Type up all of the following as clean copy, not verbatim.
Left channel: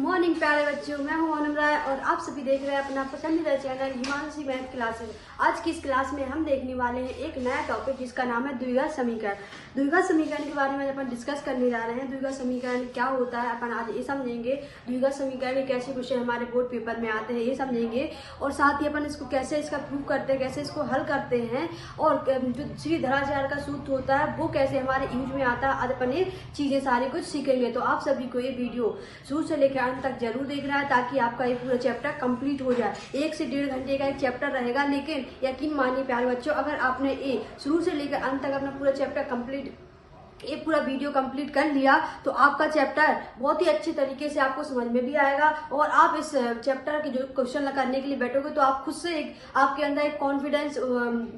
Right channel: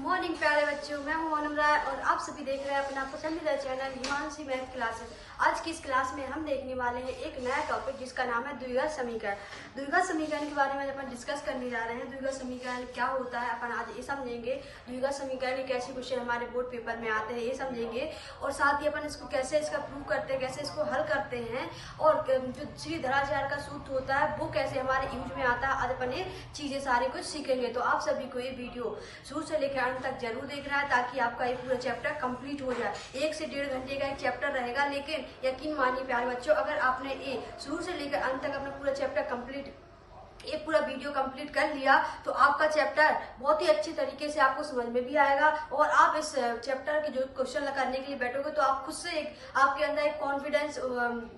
Morning प्यारे बच्चों, मैं हूं अनम राय और आप सभी देख रहे हैं अपना पसंदीदा चैनल हिमांशी मैथ क्लासेस। आज की इस क्लास में हम देखने वाले हैं एक नया टॉपिक जिसका नाम है द्विघात समीकरण। द्विघात समीकरण के बारे में अपन डिस्कस करने जा रहे हैं। द्विघात समीकरण क्या होता है अपन आज ये समझेंगे। द्विघात समीकरण के कैसे क्वेश्चन हमारे बोर्ड पेपर में आते हैं ये समझेंगे, और साथ ही अपन इसको कैसे इसका प्रूव करते हैं, कैसे इसको हल करते हैं, और जो सीधाचार का सूत्र होता है वो कैसे हमारे यूज में आता है। आज अपन ये चीजें सारी कुछ सीखेंगे। तो आप सभी को ये वीडियो शुरू से लेकर अंत तक जरूर देखना है ताकि आपका ये पूरा चैप्टर कंप्लीट हो जाए। 1 से 1.5 घंटे का एक चैप्टर रहेगा, लेकिन यकीन मानिए प्यारे बच्चों, अगर आपने ये शुरू से लेकर अंत तक अपना पूरा चैप्टर कंप्लीट, ये पूरा वीडियो कंप्लीट कर लिया तो आपका चैप्टर बहुत ही अच्छे तरीके से आपको समझ में भी आएगा, और आप इस चैप्टर के जो क्वेश्चन करने के लिए बैठोगे तो आप खुद से आपके अंदर एक कॉन्फिडेंस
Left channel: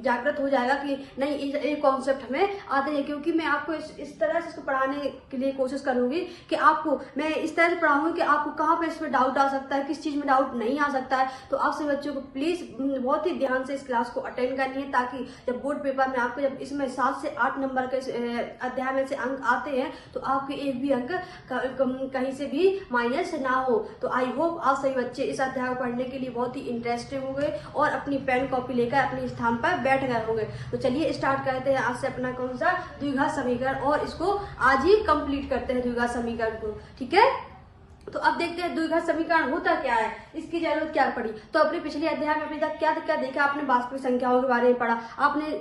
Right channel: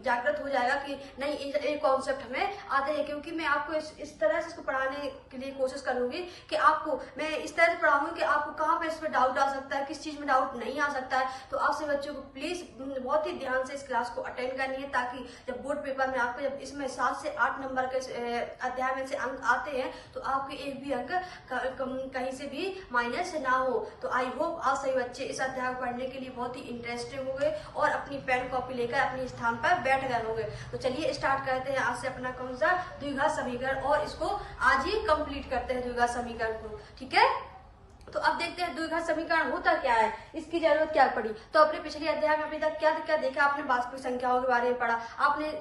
जागृत हो जाएगा कि नहीं ये कॉन्सेप्ट हमें आते हैं। क्योंकि मैं आपको इस तरह से इसको पढ़ाने के लिए कोशिश करूंगी कि आपको मैं इस तरह से पढ़ाऊंगी कि आपको कहाँ पे इसमें डाउट आ सकता है, किस चीज में डाउट नहीं आ सकता है। तो आपसे बच्चों को प्लीज बहुत ही ध्यान से इस क्लास को अटेंड करनी है, ताकि जब बोर्ड पेपर में आपको जब इसमें 7 से 8 नंबर के अध्याय में से अंक आते हैं तो आपके एक भी अंक कहीं से भी माइनस ना हो। तो आई होप आप सभी बच्चे इस अध्याय को पढ़ने के लिए बहुत ही इंटरेस्टेड होंगे और अपनी पेन कॉपी लेकर अपने स्थान पर बैठ गए होंगे। तो चलिए स्टार्ट करते हैं आज से अपना कौन सा द्विघात समीकरण, और इसको आज ही कंप्लीट करते हैं द्विघात समीकरण को। ठीक है, तो अब देखते हैं द्विघात समीकरण होता क्या है, इसकी जरूरत क्या पड़ी। तो अपने पिछले अध्याय में अभी तक क्या क्या देखा आपने, वास्तविक संख्याओं के बारे में पढ़ा, आपने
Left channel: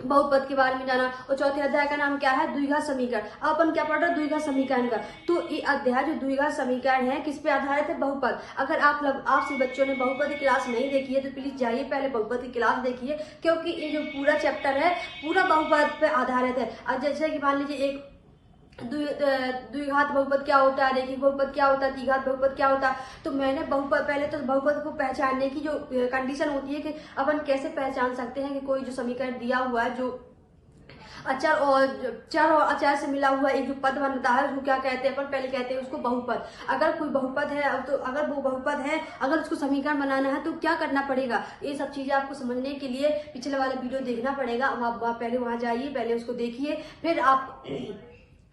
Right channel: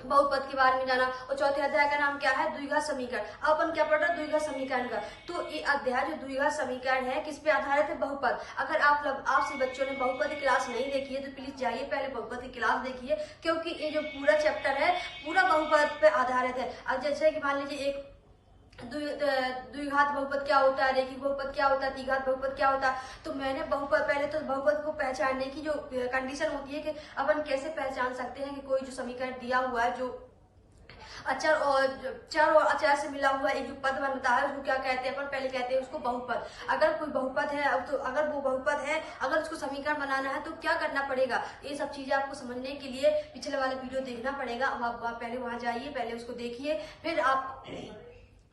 बहुपद के बारे में जाना, और चौथे अध्याय का नाम क्या है, द्विघात समीकरण। अपन क्या पढ़ रहे हैं, द्विघात समीकरण का। तो ये अध्याय जो द्विघात समीकरण है किस पे आधारित है, बहुपद। अगर आप से बच्चों ने बहुपद की क्लास नहीं देखी है तो प्लीज जाइए पहले बहुपद की क्लास देखिए, क्योंकि ये जो पूरा चैप्टर है पूरा बहुपद पे आधारित है। अब जैसे कि मान लीजिए एक द्विघात बहुपद क्या होता है, रेखिक बहुपद क्या होता है, द्विघात बहुपद क्या होता है। तो मैंने बहुपद, पहले तो बहुपद को पहचानने की जो कंडीशन होती है कि अपन कैसे पहचान सकते हैं कि कोई जो समीकरण दिया हुआ है, जो अचर और चर और अचर से मिला हुआ एक जो पद बनता है उसको क्या कहते हैं, अपन पहले कहते हैं उसको बहुपद। अगर कोई बहुपद है, अब तो अगर वो बहुपद है, अगर उसको समीकरण बनाना है तो क्या करना पड़ेगा, ये सब चीजें आपको समझने के लिए पिछले वाले वीडियो देखना पड़ेगा। अब आप पहले वहां जाइए, पहले उसको देखिए, फिर आप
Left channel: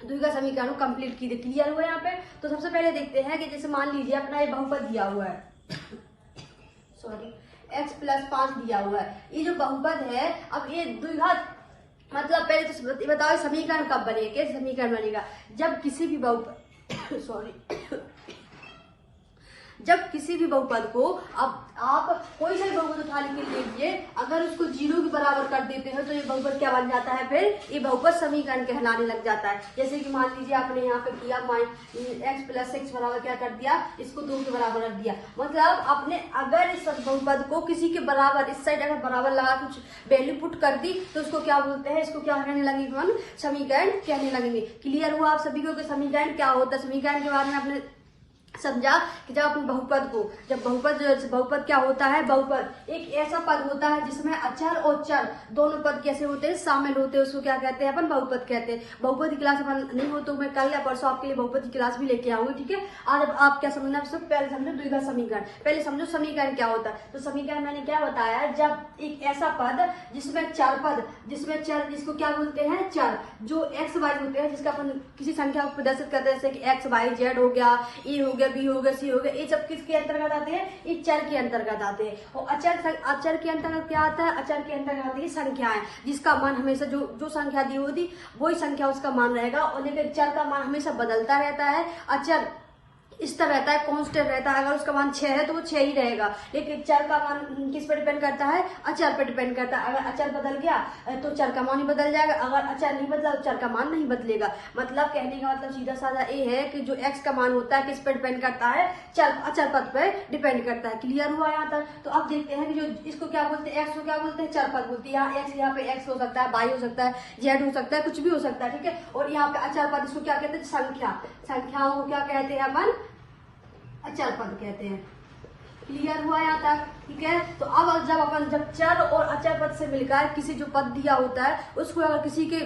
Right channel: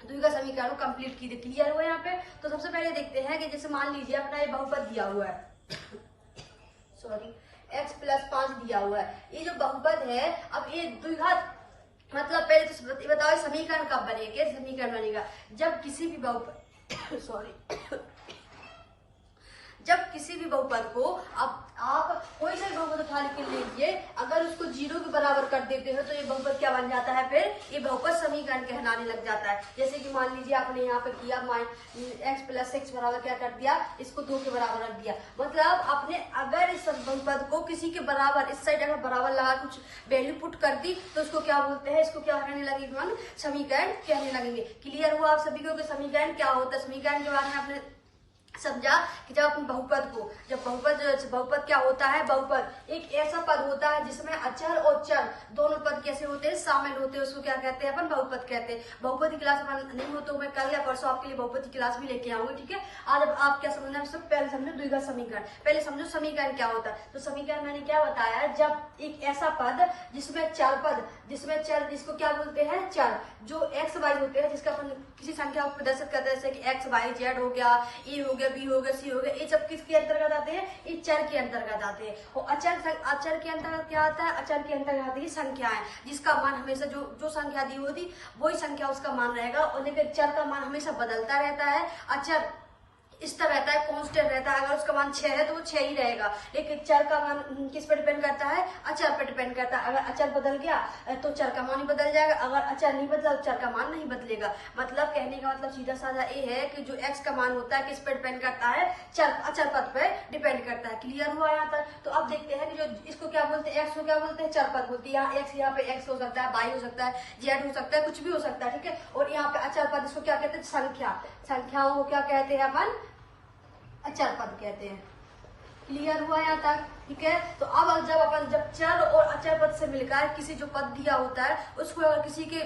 द्विघात समीकरण कंप्लीट कीजिए। क्लियर हुआ यहाँ पे। तो सबसे पहले देखते हैं कि जैसे मान लीजिए अपना ये बहुपद दिया हुआ है, सॉरी x + 5 दिया हुआ है, ये जो बहुपद है। अब ये द्विघात मतलब पहले तो बताओ समीकरण कब बनेगा, कैसे समीकरण बनेगा, जब किसी भी बहुपद सॉरी जब किसी भी बहुपद को, अब आप कोई सा बहुपद उठा के लीजिए, अगर उसको 0 के बराबर कर देते हैं तो ये बहुपद क्या बन जाता है, फिर ये बहुपद समीकरण कहलाने लग जाता है। जैसे कि मान लीजिए आपने यहाँ पे किया x + 6 बराबर क्या कर दिया, इसको 2 के बराबर रख दिया। मतलब आपने अगर इस बहुपद को किसी के बराबर, इस साइड अगर बराबर लगा कुछ वैल्यू पुट कर दी तो उसको क्या बोलते हैं, इसको क्या कहने लगेंगे, हम समीकरण कहने लगेंगे। क्लियर हुआ आप सभी को कि समीकरण क्या होता है। समीकरण के बारे में आपने समझा कि जब अपन बहुपद को, जब बहुपद क्या होता है, बहुपद एक ऐसा पद होता है जिसमें अचर और चर दोनों पद कैसे होते हैं, शामिल होते हैं, उसको क्या कहते हैं, अपन बहुपद कहते हैं। बहुपद की क्लास अपन नहीं हो तो मैं कल या परसों आपके लिए बहुपद की क्लास भी लेके आऊंगी। ठीक है, आज आप क्या समझना है, पहले समझो द्विघात समीकरण। पहले समझो समीकरण क्या होता है। तो समीकरण मैंने क्या बताया, जब एक ऐसा पद जिसमें चार पद, जिसमें चर, जिसको क्या बोलते हैं, चर, जो एक्स वाई होते हैं, जिसका अपन किसी संख्या को प्रदर्शित करते हैं, जैसे कि एक्स वाई जेड हो गया, ए हो गया, बी हो गया, सी हो गया, ये सब किसके अंतर्गत आते हैं, ये चर के अंतर्गत आते हैं। और अचर के अंतर्गत क्या आता है, अचर के अंतर्गत आती है संख्याएं, जिसका मान हमेशा जो संख्या दी होती वही संख्या उसका मान रहेगा, और लेकिन चर का मान हमेशा बदलता रहता है। अचर इस तरह रहता है, कांस्टेंट रहता है। अगर उसका मान 6 है तो वो 6 ही रहेगा, लेकिन चर का मान किस पे डिपेंड करता है, अचर पे डिपेंड करता है। अगर अचर बदल गया तो चर का मान ही बदल जाएगा, अगर अचर नहीं बदला तो चर का मान नहीं बदलेगा। मतलब कहने का मतलब सीधा साधा ये है कि जो x का मान होता है किस पे डिपेंड करता है, अचर पद पे डिपेंड करता है। क्लियर हुआ यहाँ तक। तो अब देखते हैं कि जो इसको क्या बोलते हैं, x को क्या बोलते हैं, चर पद बोलते हैं। यहाँ पे x हो सकता है, y हो सकता है, z हो सकता है, कुछ भी हो सकता है। ठीक है, और यहाँ पे अचर पद, इसको क्या कहते हैं, संख्याओं को क्या कहते हैं, अपन अचर पद कहते हैं। क्लियर हुआ यहाँ तक। ठीक है, तो अब जब चर और अचर पद से मिलकर किसी जो पद दिया होता है उसको, अगर किसी के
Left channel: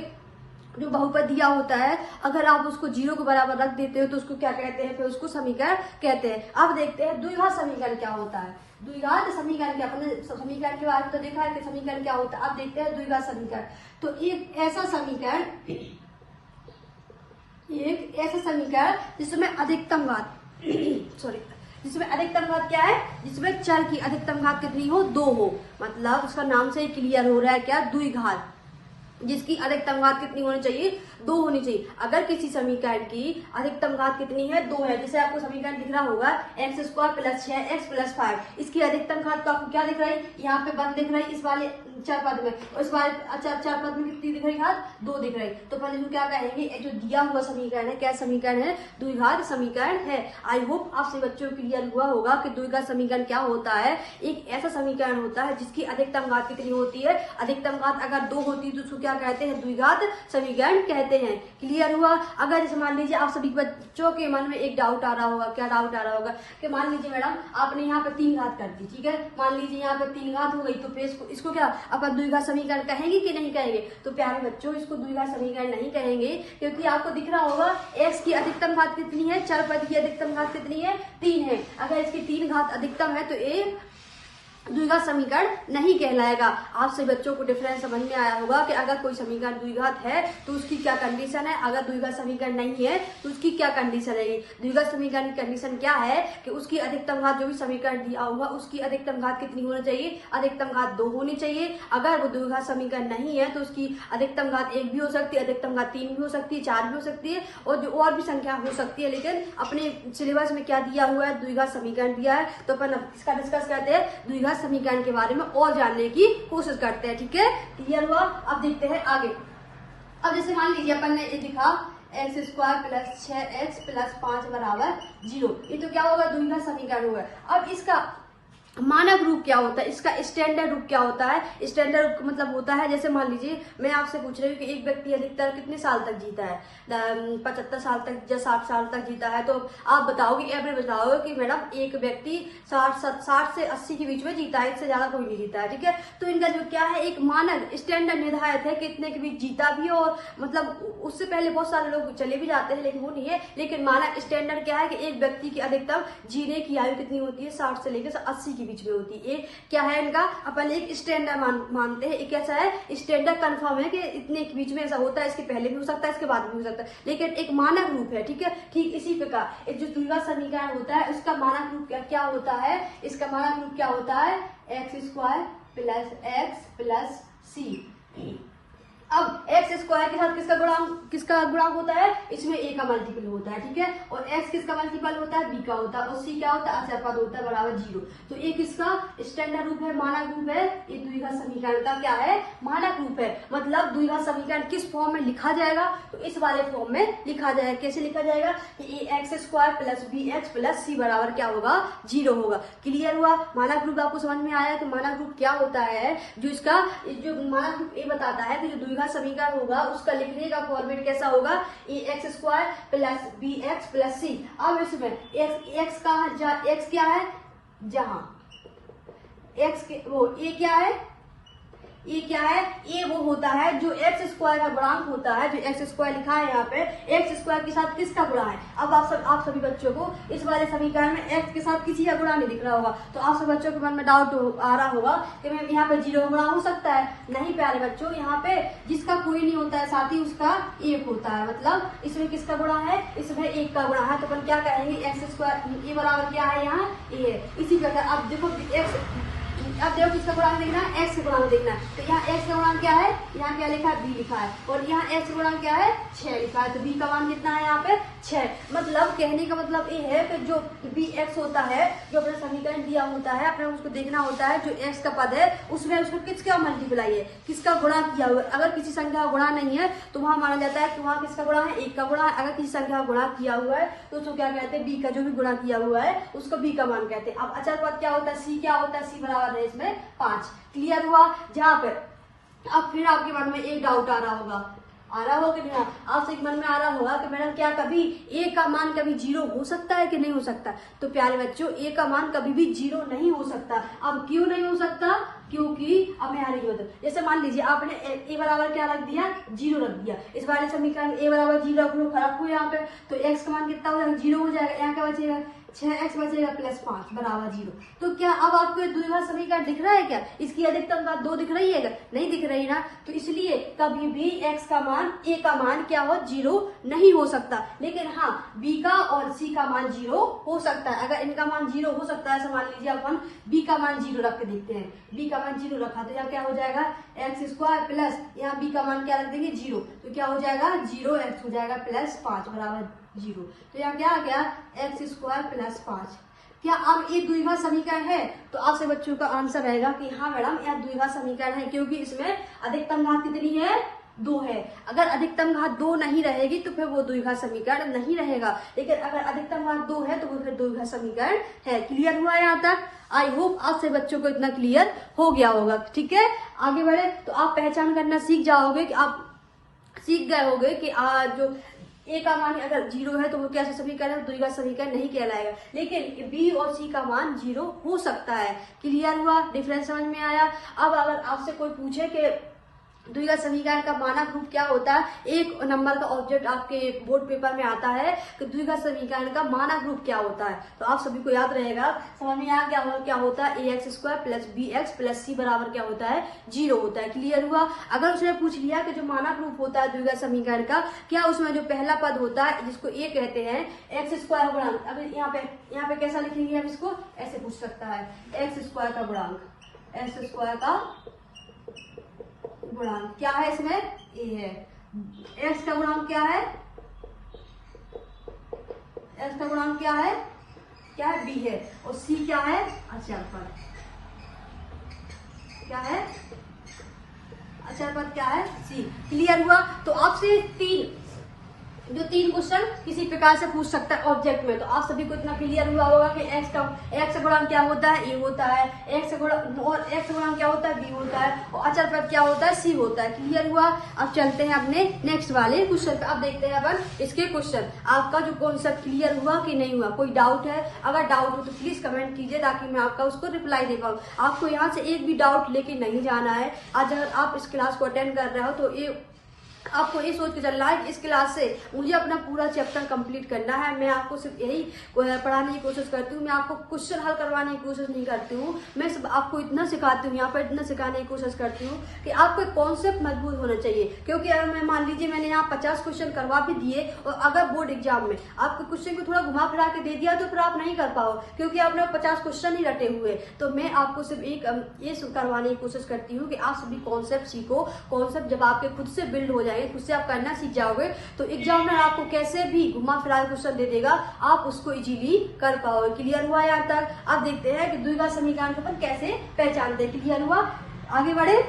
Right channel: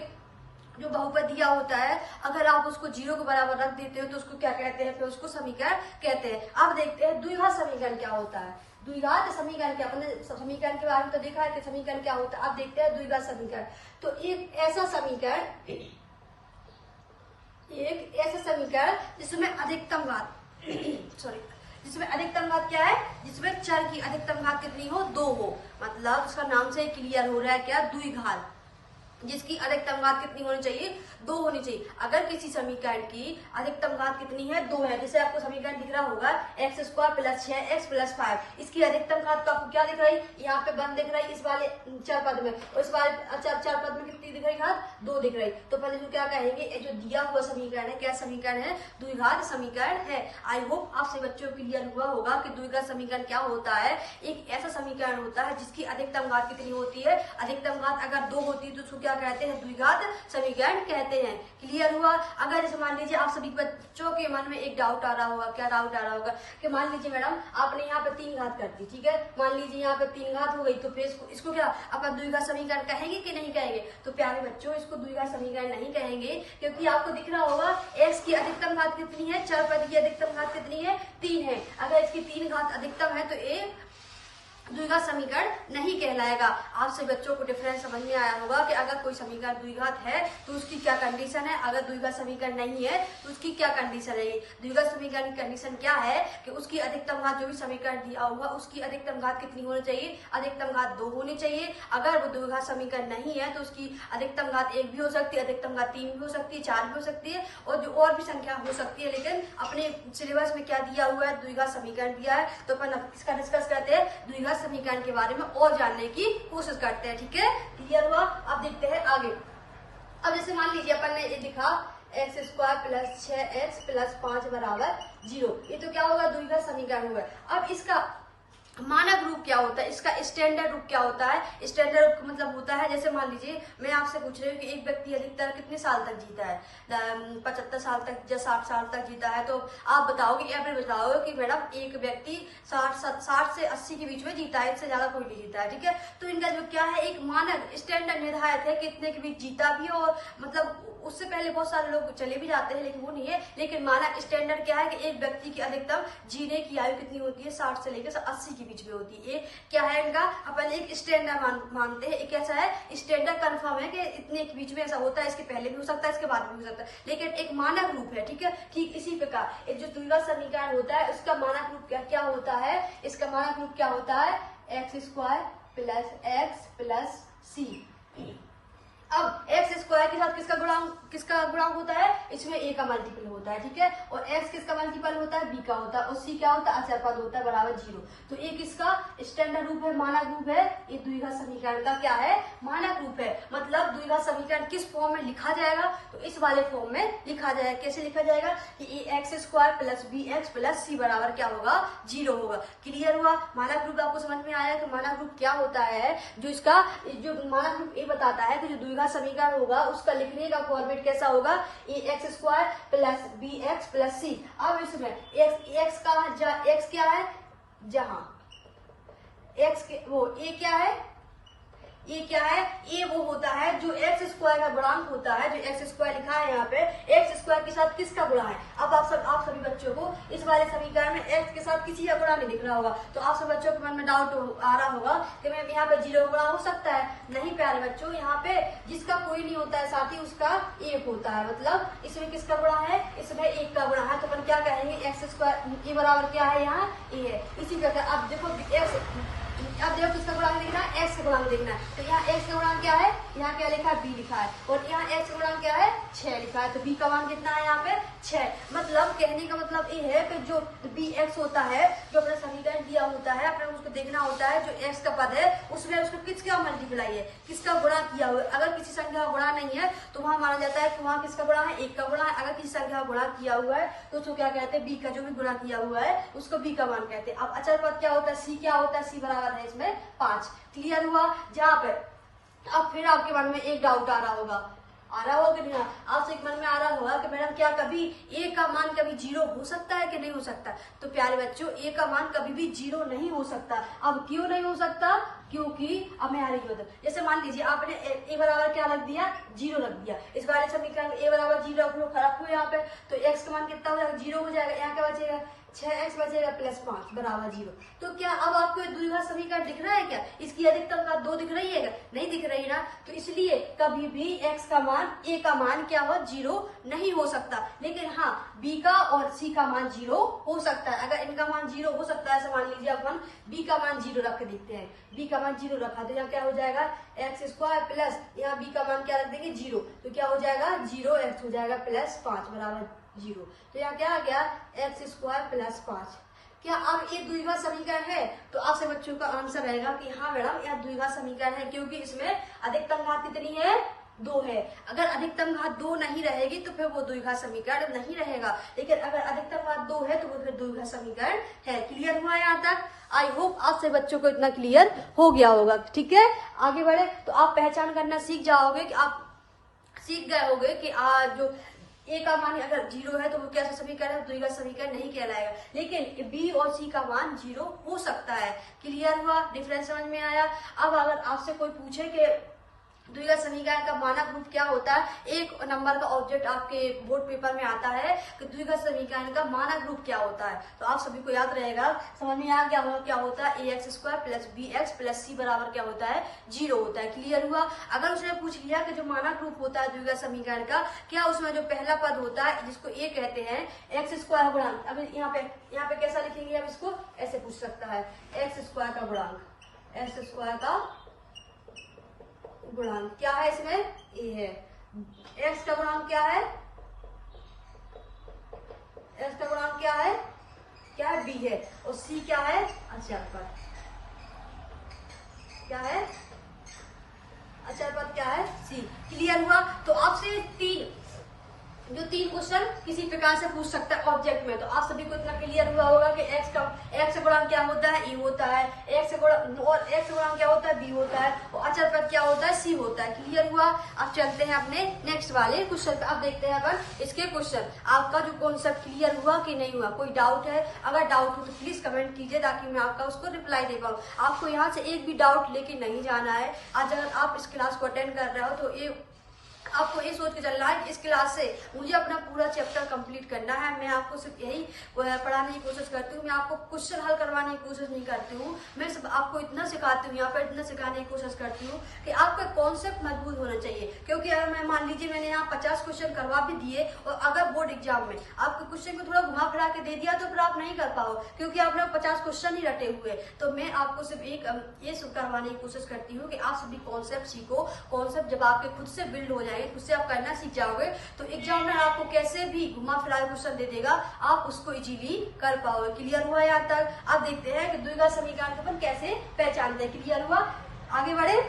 जो बहुपद दिया होता है अगर आप उसको 0 के बराबर रख देते हो तो उसको क्या कहते हैं, फिर उसको समीकरण कहते हैं। अब देखते हैं द्विघात समीकरण क्या होता है। द्विघात समीकरण क्या, अपने समीकरण के बारे में तो देखा है कि समीकरण क्या होता है। अब देखते हैं द्विघात समीकरण। तो एक ऐसा समीकरण जिसमें अधिकतम घात सॉरी, जिसमें अधिकतम घात क्या है, जिसमें चल की अधिकतम घात कितनी हो, 2 हो। मतलब उसका नाम से क्लियर हो रहा है क्या, द्विघात, जिसकी अधिकतम घात कितनी होनी चाहिए, 2 होनी चाहिए। अगर किसी समीकरण की अधिकतम घात कितनी है, 2 है, जैसे आपको समीकरण दिख रहा होगा x² + 6x + 5, इसकी अधिकतम घात तो आपको क्या दिख रही है, यहाँ पे पद दिख रही है इस वाले चर पद में, और इस वाले चर पद में कितनी दिख रही घात, 2 दिख रही। तो पहले हम क्या कहेंगे, जो दिया हुआ समीकरण है, क्या समीकरण है, द्विघात समीकरण है। आई होप आप सभी बच्चों को क्लियर हुआ होगा कि द्विघात समीकरण क्या होता है। एक ऐसा समीकरण होता है जिसकी अधिकतम घात कितनी होती है, अधिकतम घात अगर 2 होती है तो उसको क्या कहते हैं, द्विघात समीकरण कहते हैं। क्लियर हुआ। अगर जैसे मान लीजिए आप सभी बच्चों के मन में एक डाउट आ रहा होगा, क्या डाउट आ रहा होगा कि मान लीजिए मैडम आपने यहाँ पे 3 घात कर दी, ठीक है, मान लीजिए यहाँ पे 3 घात हो गई, तो फिर इसको क्या अपन द्विघात समीकरण कहेंगे कि नहीं कहेंगे। तो प्यारे बच्चों, इसको द्विघात समीकरण नहीं कहेंगे, क्योंकि आपको दिख रहा होगा x की अधिकतम घात कितनी है, चर पद की अधिकतम घात कितनी है, 3 है। अगर इसकी 3 घात अधिकतम है तो ये द्विघात समीकरण नहीं कहलाएगा। आप सभी बच्चों को डिफरेंस समझ में आया होगा कि अगर कोई समीकरण द्विघात है तो उसकी क्या कंडीशन है, अगर द्विघात समीकरण नहीं है तो उसकी क्या कंडीशन रहेगी। द्विघात समीकरण की कंडीशन क्या है कि उसकी अधिकतम घात, जो भी समीकरण दिया होगा उसकी अधिकतम घात कितनी होनी चाहिए, अधिकतम घात 2 होनी चाहिए। अगर वो द्विघात समीकरण नहीं है तो उसकी अधिकतम घात 1 भी हो सकती है, अधिकतम घात 3 भी हो सकती है, 4 भी हो सकती है, और जो और भी संख्या हो सकती है। लेकिन अपने सिलेबस में क्या दिया हुआ है, द्विघात समीकरण दिया है। तो अपन इसका डिस्कस करते हैं, द्विघात समीकरण के बारे में और जानने की कोशिश करते हैं। ठीक है, क्लियर हुआ। अब देखते हैं आगे। अब जैसे मान लीजिए अपन ने ये लिखा x² + 6x + 5 = 0, ये तो क्या होगा, द्विघात समीकरण होगा। अब इसका मानक रूप क्या होता है, इसका स्टैंडर्ड रूप क्या होता है। स्टैंडर्ड रूप का मतलब होता है, जैसे मान लीजिए मैं आपसे पूछ रही हूँ कि एक व्यक्ति अधिकतर कितने साल तक जीता है, 75 साल तक या 60 साल तक जीता है, तो आप बताओगे, एवरेज बताओगे कि मैडम एक व्यक्ति 60 से 80 के बीच में जीता है, इससे ज्यादा कोई नहीं जीता है। ठीक है, तो इनका जो क्या है, एक मानक स्टैंडर्ड निर्धारित है कितने के बीच जीता भी हो, मतलब उससे पहले बहुत सारे लोग चले भी जाते हैं, लेकिन वो नहीं है। लेकिन मानक स्टैंडर्ड क्या है कि एक व्यक्ति की अधिकतम जीने की आयु कितनी होती है, 60 से लेकर 80 बीच में होती है। क्या है इनका, अपन एक स्टैंडर्ड मानते हैं। एक ऐसा है स्टैंडर्ड कंफर्म है कि इतने के बीच में ऐसा होता है, इसके पहले भी हो सकता है, इसके बाद भी हो सकता है, लेकिन एक मानक रूप है। ठीक है, ठीक इसी प्रकार एक जो द्विघात समीकरण होता है उसका मानक रूप क्या होता है, इसका मानक रूप क्या होता है, x² + x + c। अब x² के साथ किसका गुणांक होता है, इसमें a का मल्टीपल होता है। ठीक है, और x किसका मल्टीपल होता है, b का होता है, और c क्या होता है, अचर पद होता है, बराबर 0। तो ये किसका स्टैंडर्ड रूप है, मानक रूप है। ये द्विघात समीकरण का क्या है, मानक रूप है। मतलब द्विघात समीकरण किस फॉर्म में लिखा जाएगा, तो इस वाले फॉर्म में लिखा जाएगा। कैसे लिखा जाएगा कि x² + bx + c बराबर क्या होगा, 0 होगा। क्लियर हुआ। मानक रूप आपको समझ में आया कि मानक रूप क्या होता है। जो इसका जो मानक रूप ये बताता है कि जो द्विघात समीकरण होगा उसका लिखने का फॉर्मेट कैसा होगा, x² + bx + c। अब इसमें x का x क्या है, जहां x के वो a क्या है, ये क्या है, ये वो होता है जो x² का गुणांक होता है, जो x² लिखा है यहाँ पे, x² के साथ किसका गुणा है। अब आप सभी बच्चों को इस वाले समीकरण में x के साथ किसी का गुणा नहीं दिख रहा होगा, तो आप सभी बच्चों के मन में डाउट आ रहा होगा कि मैम यहाँ पे 0 गुणा हो सकता है। नहीं प्यारे बच्चों, यहाँ पे जिसका कोई नहीं होता है साथ ही उसका 1 होता है। मतलब इसमें किसका गुणा है, इसमें 1 का गुणा है। तो अपन क्या कहेंगे, x² ये बराबर क्या है, यहाँ ये है। इसी प्रकार अब देखो अब देखो किसका गुणांक देखना है, x का गुणांक देखना है। तो यहाँ x का गुणांक क्या है, यहाँ क्या लिखा है, b लिखा है, और यहाँ x का गुणांक क्या है, 6 लिखा है। तो b का मान कितना है यहाँ पे, 6। मतलब कहने का मतलब ये है कि जो bx होता है, जो अपना समीकरण दिया होता है, अपने उसको देखना होता है जो x का पद है उसमें उसको किसका मल्टीप्लाई है, किसका गुणा किया हुआ। अगर किसी संख्या का गुणा नहीं है तो वहां माना जाता है कि वहां किसका गुणा है, 1 का गुणा है। अगर किसी संख्या का गुणा किया हुआ है तो उसको क्या कहते हैं, b का जो भी गुणा किया हुआ है उसको b का मान कहते हैं। अब अचर पद क्या होता है, c क्या होता है, c बराबर है इसमें 5। क्लियर हुआ। जहाँ पे अब फिर आपके मन में एक डाउट आ रहा होगा कि नहीं, आपसे एक मन में आ रहा होगा कि मैडम क्या कभी a का मान कभी 0 हो सकता है कि नहीं हो सकता। तो प्यारे बच्चों, a का मान कभी भी 0 नहीं हो सकता। अब क्यों नहीं हो सकता, क्योंकि अब मैं आ रही हूँ, जैसे मान लीजिए आपने ए बराबर क्या रख दिया, 0 रख दिया। इस वाले समीकरण में ए बराबर 0 रखू यहाँ पे, तो एक्स का मान कितना हो जाएगा, 0 हो जाएगा। यहाँ क्या बचेगा, 6x बचेगा प्लस 5 बराबर 0। तो क्या अब आपको ये द्विघात समीकरण दिख रहा है क्या, इसकी अधिकतम घात 2 दिख रही है क्या, नहीं दिख रही ना। तो इसलिए कभी भी x का मान, a का मान क्या हो, 0 नहीं हो सकता। लेकिन हाँ, b का और c का मान 0 हो सकता है। अगर इनका मान 0 हो सकता है, मान लीजिए अब हम b का मान 0 रख के देखते हैं। b का मान 0 रखा तो यहाँ क्या हो जाएगा, x स्क्वायर प्लस यहाँ b का मान क्या रख देंगे, 0। तो क्या हो जाएगा, 0x हो जाएगा प्लस 5 बराबर 0। तो यहाँ क्या आ गया, एक्स स्क्वायर प्लस 5। क्या अब एक द्विघात समीकरण है, तो आपसे बच्चों का आंसर रहेगा कि हाँ मैडम यह द्विघात समीकरण है, क्योंकि इसमें अधिकतम घात कितनी है, 2 है। अगर अधिकतम घात 2 नहीं रहेगी तो फिर वो द्विघात समीकरण नहीं रहेगा, लेकिन अगर अधिकतम घात 2 है तो वो फिर द्विघात समीकरण है। क्लियर हुआ यहाँ तक? आई होप आपसे बच्चों को इतना क्लियर हो गया होगा। ठीक है, आगे बढ़े तो आप पहचान करना सीख जाओगे, कि आप सीख गए होंगे कि जो ए का मान अगर 0 है तो वो कैसा समीकरण, द्विघात समीकरण नहीं कहलाएगा। लेकिन बी और सी का मान 0 हो सकता है। क्लियर हुआ, डिफरेंस समझ में आया? अब अगर आपसे कोई पूछे कि द्विघात समीकरण का मानक रूप क्या होता है, एक नंबर का ऑब्जेक्ट आपके बोर्ड पेपर में आता है कि द्विघात समीकरण का मानक रूप क्या होता है, तो आप सभी को याद रहेगा, समझ में आ गया क्या होता है, ax square plus bx plus c बराबर क्या होता है, 0 होता है। क्लियर हुआ? अगर उसने पूछ लिया कि जो मानक रूप होता है द्विघात समीकरण का, क्या उसमें जो पहला पद होता है जिसको a कहते हैं, एक्स स्क्वायर गुणांक, अब यहाँ पे कैसा लिखेंगे हम इसको, ऐसे पूछ सकता है, एक्स स्क्वायर का गुणांक, एक्स स्क्वायर का गुणांक क्या है, इसमें a है। x का गुणांक क्या है, x का गुणांक क्या है, b है, और c क्या है, अचर पद क्या है, अचर पद क्या है, c। क्लियर हुआ? तो आपसे तीन क्वेश्चन किसी प्रकार से पूछ सकता है ऑब्जेक्ट में, तो आप सभी को इतना क्लियर हुआ होगा कि एक्स का गुणांक क्या होता है, ए होता है, एक्स का गुणांक क्या होता है, बी होता है, और अचर पद क्या होता है, सी होता है। क्लियर हुआ? अब चलते हैं अपने नेक्स्ट वाले क्वेश्चन पे। अब देखते हैं अपन इसके क्वेश्चन, आपका जो कॉन्सेप्ट क्लियर हुआ कि नहीं हुआ, कोई डाउट है? अगर डाउट हो तो प्लीज कमेंट कीजिए, ताकि मैं आपका उसको रिप्लाई दे पाऊँ। आपको यहाँ से एक भी डाउट लेके नहीं जाना है। आज अगर आप इस क्लास को अटेंड कर रहे हो तो आपको ये सोच के चल रहा है कि इस क्लास से मुझे अपना पूरा चैप्टर कंप्लीट करना है। मैं आपको सिर्फ यही पढ़ाने की कोशिश करती हूँ, मैं आपको क्वेश्चन हल करवाने की कोशिश नहीं करती हूँ। मैं सब आपको इतना सिखाती हूँ, यहाँ पर इतना सिखाने की कोशिश करती हूँ कि आपका कॉन्सेप्ट मजबूत होना चाहिए। क्योंकि अगर मैं मान लीजिए मैंने यहाँ 50 क्वेश्चन करवा भी दिए, और अगर बोर्ड एग्जाम में आपके क्वेश्चन को थोड़ा घुमा फिरा के दे दिया तो फिर आप नहीं कर पाओ, क्योंकि आपने 50 क्वेश्चन ही रटे हुए। तो मैं आपको सिर्फ ये करवाने की कोशिश करती हूँ कि आप सभी कॉन्सेप्ट सीखो। कॉन्सेप्ट जब आपके खुद से बिल्ड हो जाएंगे, खुद से आप करना सीख जाओगे, तो एग्जामिनर आपको कैसे भी घुमा फिरा क्वेश्चन दे देगा, आप उसको इजीली कर पाओगे। क्लियर हुआ यहाँ तक? अब देखते हैं कि द्विघात समीकरण को अपन कैसे पहचानते हैं। क्लियर हुआ? आगे बढ़े।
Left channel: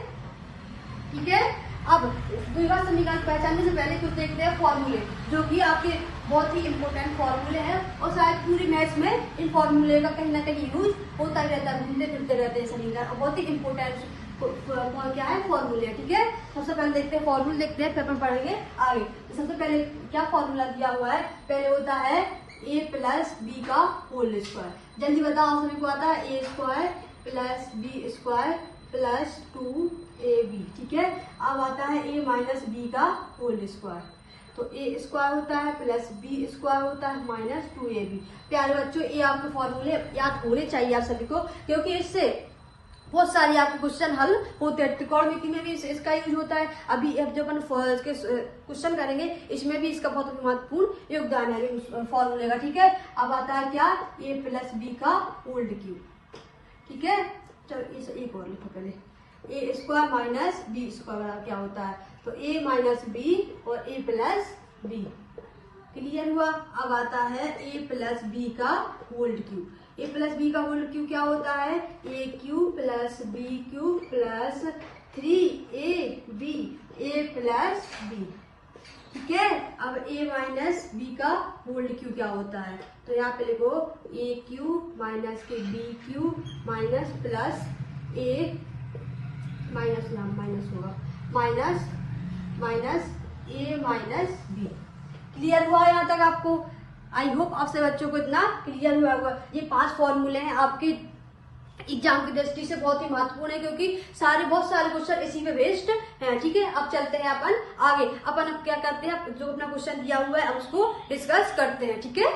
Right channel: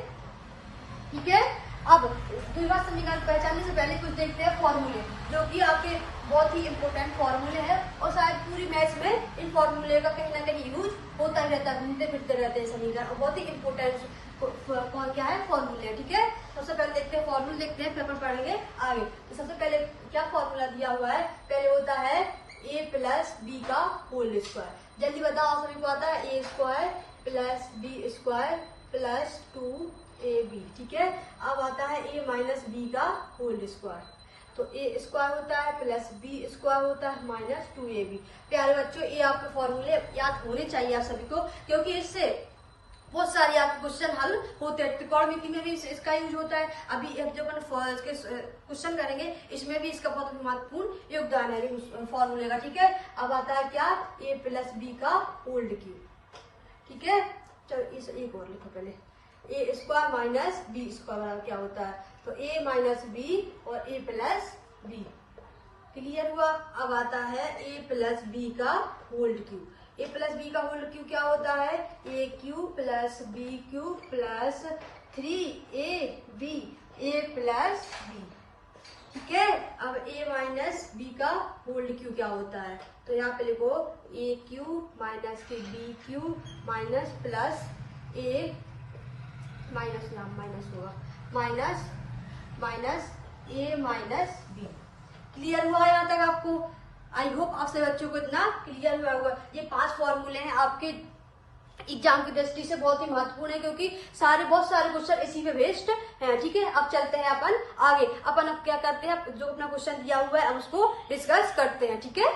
ठीक है, अब द्विघात समीकरण पहचानने से पहले कुछ देखते हैं फॉर्मूले, जो कि आपके बहुत ही इंपॉर्टेंट फॉर्मूले हैं, और शायद पूरी मैथ्स में इन फॉर्मूले का कहीं ना कहीं यूज होता रहता है, घूमते फिरते रहते हैं समीकरण, और बहुत ही इंपॉर्टेंट क्या है, फॉर्मूले। ठीक है, सबसे पहले देखते हैं फॉर्मूले, देखते हैं फिर हम पढ़ेंगे आगे। तो सबसे पहले क्या फॉर्मूला दिया हुआ है, पहले होता है a प्लस बी का होल स्क्वायर। जल्दी बताओ, सभी को आता है, A square plus B square plus 2ab। ठीक है, अब आता है a माइनस बी का होल स्क्वायर, तो ए स्क्वायर होता है प्लस बी स्क्वायर होता है माइनस 2ab। प्यारे बच्चों, ये आपके फॉर्मूले याद होने चाहिए आप सभी को, क्योंकि इससे बहुत सारे आपके क्वेश्चन हल होते हैं। त्रिकोणमिति में भी इसका यूज होता है। अभी जब अपन क्वेश्चन करेंगे, इसमें भी इसका बहुत महत्वपूर्ण योगदान है फॉर्मूले का। ठीक है, अब आता है क्या, a प्लस बी का होल क्यूब। ठीक है, चलो इस एक और लिखो पहले, A square minus B square क्या होता है, तो a माइनस बी और a प्लस बी। क्लियर हुआ? अब आता है a प्लस बी का whole cube. A plus B का होल क्यूब क्या होता है, A cube plus B cube plus 3ab A plus B. ठीक है, अब a माइनस बी का होल क्यूब क्या होता है, तो यहाँ पे लिखो ए क्यूब माइनस के बी क्यूब माइनस प्लस ए माइनस, यहाँ माइनस होगा, माइनस माइनस ए माइनस बी। क्लियर हुआ यहाँ तक आपको? आई होप आपसे बच्चों को इतना क्लियर हुआ होगा। ये 5 फॉर्मूले हैं आपके एग्जाम की दृष्टि से बहुत ही महत्वपूर्ण है, क्योंकि बहुत सारे क्वेश्चन इसी में बेस्ड हैं। ठीक है, अब चलते हैं अपन आगे। अपन अब क्या करते हैं, जो अपना क्वेश्चन दिया हुआ है अब उसको डिस्कस करते हैं। ठीक है,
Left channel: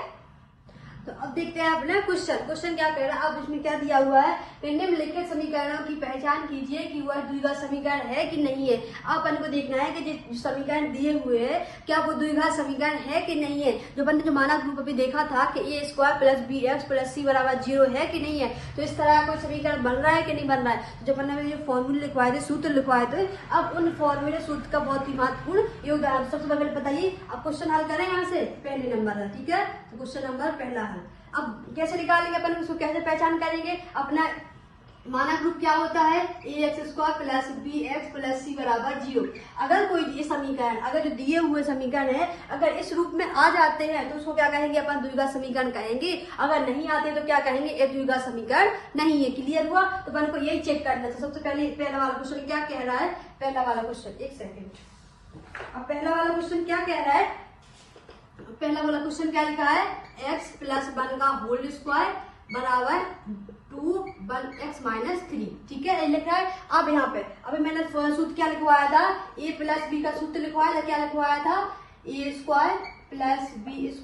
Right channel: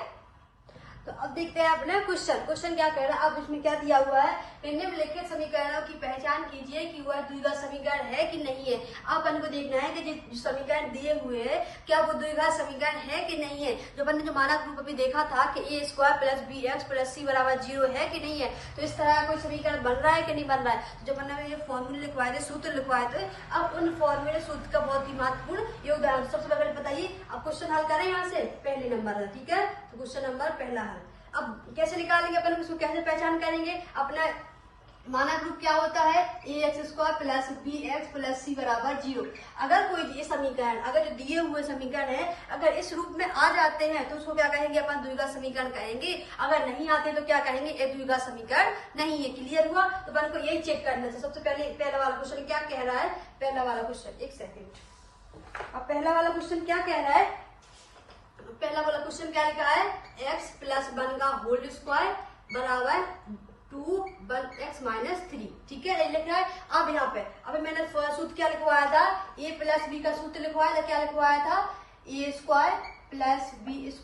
तो अब देखते हैं अपना क्वेश्चन क्या कह रहा है। अब उसमें क्या दिया हुआ है, निम्नलिखित समीकरणों की पहचान कीजिए कि वह द्विघात समीकरण है कि नहीं है। अब अपन को देखना है कि जो समीकरण दिए हुए हैं क्या वो द्विघात समीकरण है कि नहीं है। जो अपन ने जो मानक रूप अभी देखा था कि a² + bx + c = 0 है कि नहीं है, तो इस तरह का कोई समीकरण बन रहा है कि नहीं बन रहा है। तो जो अपन ने फॉर्मूले लिखवाए थे, सूत्र लिखवाए थे, अब उन फॉर्मूले सूत्र का बहुत ही महत्वपूर्ण योगदान। सबसे पहले बताइए, अब क्वेश्चन हल करें यहाँ से, पहले नंबर है। ठीक है, क्वेश्चन नंबर पहला है। अब कैसे निकालेंगे अपन, उसको कैसे पहचान करेंगे। अपना मानक रूप क्या होता है, ax² + bx + c = 0। अगर कोई ये समीकरण, अगर जो दिए हुए समीकरण है अगर इस रूप में आ जाते हैं तो उसको क्या कहेंगे, अपन द्विघात समीकरण कहेंगे। अगर नहीं आते तो क्या कहेंगे, ये द्विघात समीकरण नहीं है। क्लियर हुआ, तो अपन को यही चेक करना है। सबसे पहले पहला वाला क्वेश्चन क्या कह रहा है, पहला वाला क्वेश्चन, एक सेकेंड। अब पहला वाला क्वेश्चन क्या कह रहा है, पहला वाला क्वेश्चन क्या लिखा है, x + 1 का होल स्क्वायर बराबर 2 1x - 3। ठीक है, ये लिखा है। अब यहाँ पे अभी मैंने सूत्र क्या लिखवाया था, a + b का सूत्र लिखवाया था। क्या लिखवाया था, a² + b² +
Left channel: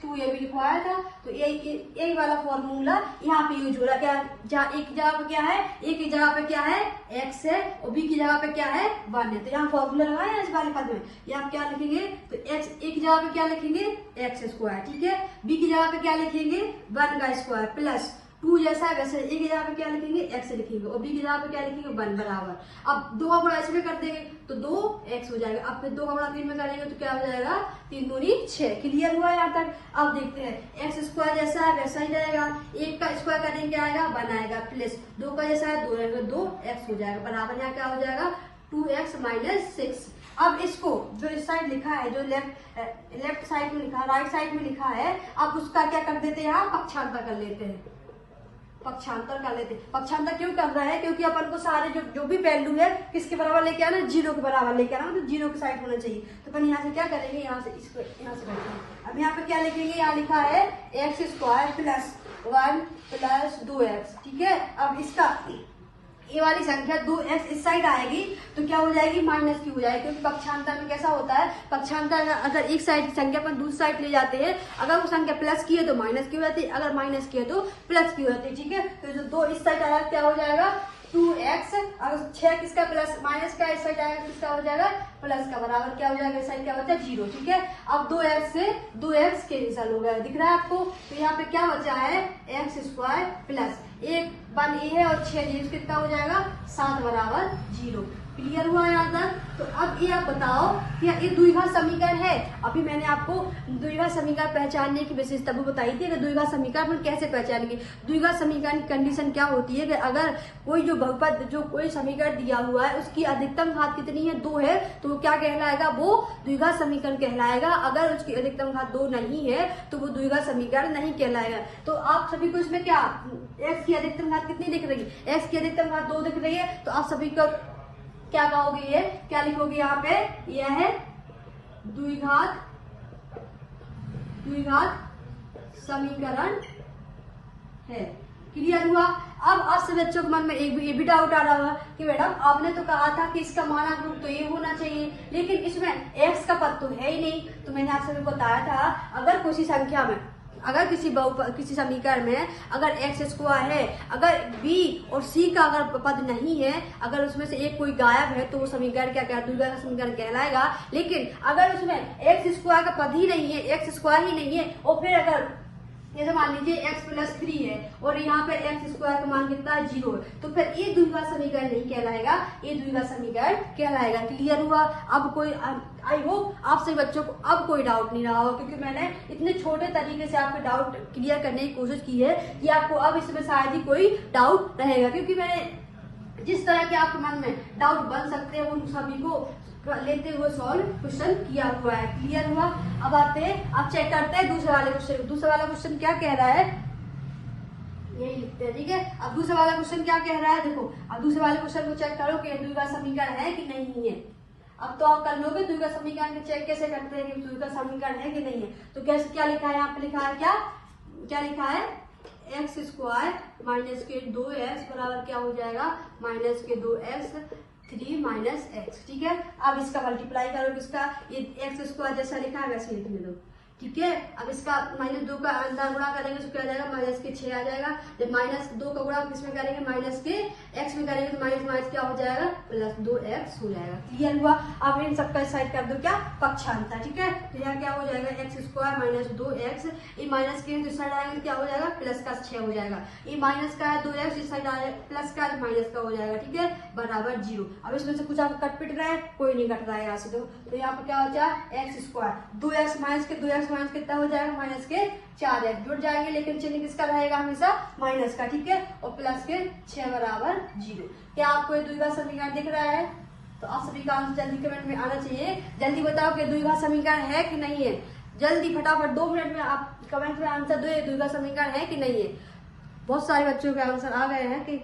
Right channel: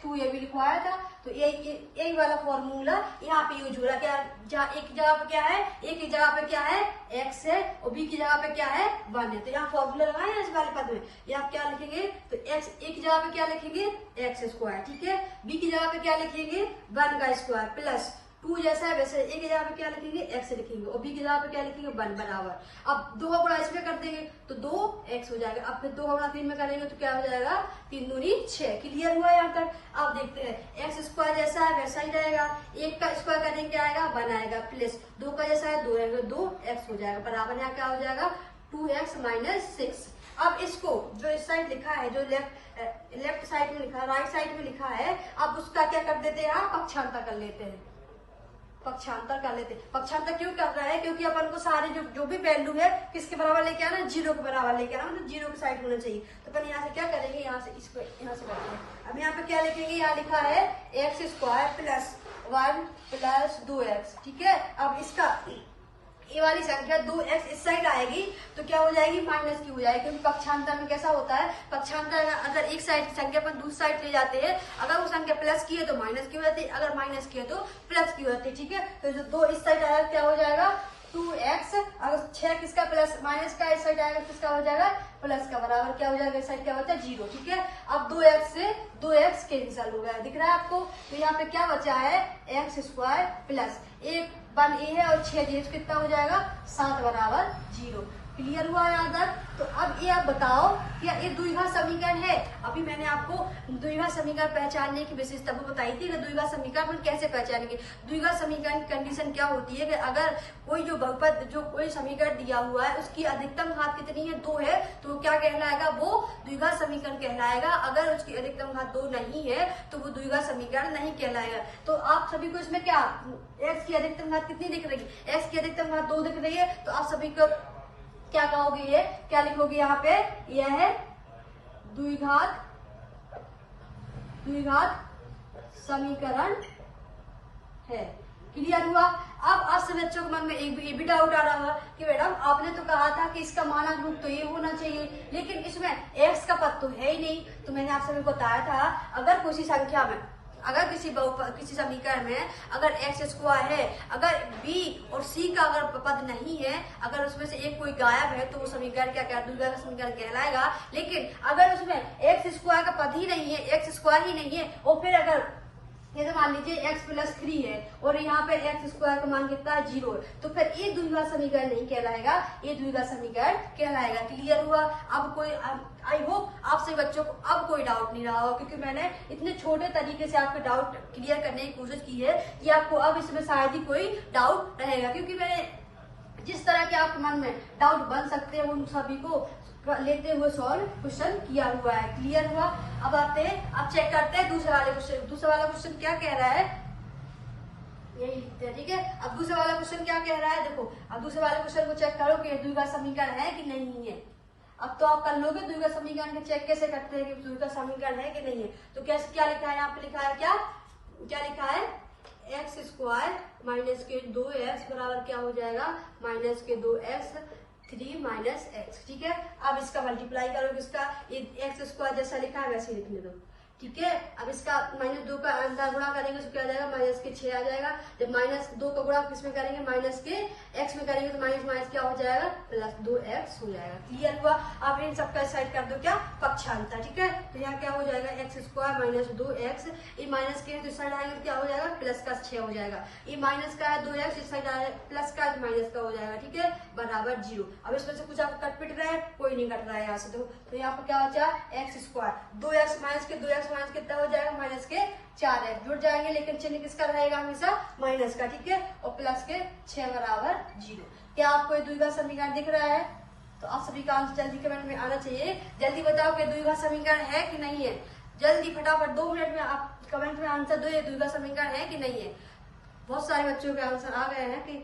2ab लिखवाया था। तो यही वाला फॉर्मूला यहाँ पे यूज हो रहा है। जहाँ एक की जगह पे क्या है, a की जगह पे क्या है, x है, और b की जगह पे क्या है, 1 है। तो यहाँ फॉर्मूला लगाया इस वाले पद में, यहाँ क्या लिखेंगे, तो x a की जगह पे क्या लिखेंगे, x²। ठीक है, b की जगह पे क्या लिखेंगे, 1 का स्क्वायर प्लस 2 जैसा है वैसे a की जगह पे क्या लिखेंगे, x लिखेंगे, और b की जगह पे क्या लिखेंगे, 1 बराबर। अब 2 का गुणा इसमें कर देंगे तो 2x हो जाएगा। अब फिर 2 का गुणा 3 में करेंगे तो क्या हो जाएगा, 3 दूनी 6। क्लियर हुआ यहाँ तक। अब देखते हैं, x² जैसा है वैसा ही जाएगा, 1 का स्क्वायर करेंगे क्या आएगा, 1 आएगा, प्लस 2 का जैसा है 2 रहेगा, 2x हो जाएगा बराबर। यहाँ क्या हो जाएगा, 2x - 6। अब इसको जो इस साइड लिखा है, जो लेफ्ट साइड में लिखा है, राइट साइड में लिखा है, अब उसका क्या कर देते हैं, यहाँ पक्षांतर कर लेते हैं। पक्षांतर कर लेते हैं। पक्षांतर क्यों कर रहा है, क्योंकि अपन को सारे जो भी वैल्यू है किसके बराबर लेके आना, 0 के बराबर लेके आना, मतलब 0 की साइड होना चाहिए। तो अपन यहाँ से क्या करेंगे, यहाँ से इसको यहाँ से करते हैं। अब यहाँ पे क्या लिखेंगे, यहाँ लिखा है x² + 1 + 2x। ठीक है, अब इसका ये वाली संख्या 2x इस साइड आएगी तो क्या हो जाएगी, माइनस की हो जाएगी, क्योंकि पक्षांतर में कैसा होता है, पक्षांतर अगर एक साइड की संख्या पर दूसरी साइड ले जाते हैं, अगर वो संख्या प्लस की है तो माइनस की हो जाती है, अगर माइनस की है तो प्लस की हो जाती है। ठीक है, तो जो 2 इस साइड आया क्या हो जाएगा, 2x, अगर 6 किसका प्लस माइनस का इस साइड आएगा किसका हो जाएगा, प्लस का बराबर क्या हो जाएगा, इस साइड क्या होता है, 0। ठीक है, अब 2x से 2x कैंसिल हो गया, दिख रहा है आपको। तो यहाँ पे क्या बचा है, x² प्लस 1 1 ये है और 6 ये कितना हो जाएगा, 7 बराबर 0। क्लियर हुआ यहाँ तक। तो अब ये आप बताओ कि ये द्विघात समीकरण है। अभी मैंने आपको द्विघात समीकरण पहचानने की विशेषता भी बताई थी कि द्विघात समीकरण में कैसे पहचानेंगे। द्विघात समीकरण की कंडीशन क्या होती है कि अगर कोई जो बहुपद, जो कोई समीकरण दिया हुआ है उसकी अधिकतम घात कितनी है, 2 है, तो वो क्या कहलाएगा, वो द्विघात समीकरण कहलाएगा। अगर उसकी अधिकतम घात 2 नहीं है तो वो द्विघात समीकरण नहीं कहलाएगा। तो आप सभी को इसमें क्या, x की अधिकतम घात कितनी दिख रही है, x की अधिकतम घात 2 दिख रही है, तो आप सभी को क्या कहोगे, ये क्या लिखोगे यहाँ पे, यह है द्विघात समीकरण है। क्लियर हुआ। अब आज से बच्चों के मन में ये भी डाउट आ रहा होगा कि मैडम आपने तो कहा था कि इसका मानक रूप तो ये होना चाहिए, लेकिन इसमें x का पद तो है ही नहीं। तो मैंने आप सभी को बताया था, अगर किसी संख्या में, अगर किसी समीकरण में अगर x² है, अगर b और c का अगर पद नहीं है, अगर उसमें से एक कोई गायब है, तो वो समीकरण क्या द्विघात समीकरण कहलाएगा। लेकिन अगर उसमें x² का पद ही नहीं है, x² ही नहीं है, और फिर अगर ये तो मान लीजिए x + 3 है और यहाँ पे x² का मान कितना है, 0 है, तो फिर ये द्विघात समीकरण नहीं कहलाएगा, ये द्विघात समीकरण कहलाएगा। क्लियर हुआ। अब कोई, आई होप आप सभी बच्चों को अब कोई डाउट नहीं रहा हो, क्योंकि मैंने इतने छोटे तरीके से आपके डाउट क्लियर करने की कोशिश की है कि आपको अब इसमें शायद ही कोई डाउट रहेगा, क्योंकि मैंने जिस तरह के आपके मन में डाउट बन सकते हैं उन सभी को लेते हुए सॉल्व क्वेश्चन किया हुआ है। क्लियर हुआ। अब आते हैं, अब चेक करते हैं दूसरे वाले क्वेश्चन। दूसरा वाला क्वेश्चन क्या कह रहा है, यही लिखते हैं। ठीक है, अब दूसरा वाला क्वेश्चन क्या कह रहा है, देखो अब दूसरे वाले क्वेश्चन को चेक करो कि द्विघात समीकरण है कि नहीं है। अब तो आप कर लोगे द्विघात समीकरण के चेक कैसे करते हैं कि द्विघात समीकरण है कि नहीं है। तो कैसे, क्या लिखा है यहाँ पे, लिखा है क्या लिखा है, एक्स स्क्वायर माइनस के 2x बराबर क्या हो जाएगा, माइनस के 2x 3 माइनस एक्स। ठीक है, अब इसका मल्टीप्लाई करो, इसका एक्स स्क्वायर जैसा लिखा है वैसे लिखने दो। ठीक है, अब इसका -2 का अंदर गुणा करेंगे तो क्या आ जाएगा, माइनस के 6 आ जाएगा। जब -2 का गुणा किसमें करेंगे, माइनस के x में करेंगे तो माइनस माइनस क्या हो जाएगा, +2x हो जाएगा। क्लियर हुआ। अब इन सबका साइड कर दो क्या, पक्षांतर। ठीक है, तो यहाँ क्या हो जाएगा, एक्स स्क्वायर माइनस 2x, ये माइनस के इस साइड आएंगे क्या हो जाएगा, प्लस का 6 हो जाएगा। ये माइनस का है 2x, इस साइड आए प्लस का माइनस का हो जाएगा। ठीक है, बराबर 0। अब इसमें से कुछ आप कट पिट रहा है, कोई नहीं कट रहा है यहाँ से। तो यहाँ पर क्या बचा, एक्स स्क्वायर 2x माइनस के 2x माइनस कितना हो जाएगा, माइनस के 4x जुड़ जाएंगे, लेकिन चिन्ह किसका रहेगा, हमेशा माइनस का। ठीक है, और प्लस के 6 बराबर 0। क्या आपको ये द्विघात समीकरण दिख रहा है? तो आप सभी का आंसर जल्दी कमेंट में आना चाहिए। जल्दी बताओ कि द्विघात समीकरण है कि नहीं है। जल्दी फटाफट 2 मिनट में आप कमेंट में आंसर दो, ये द्विघात समीकरण है कि नहीं है। बहुत सारे बच्चों के आंसर आ गए हैं कि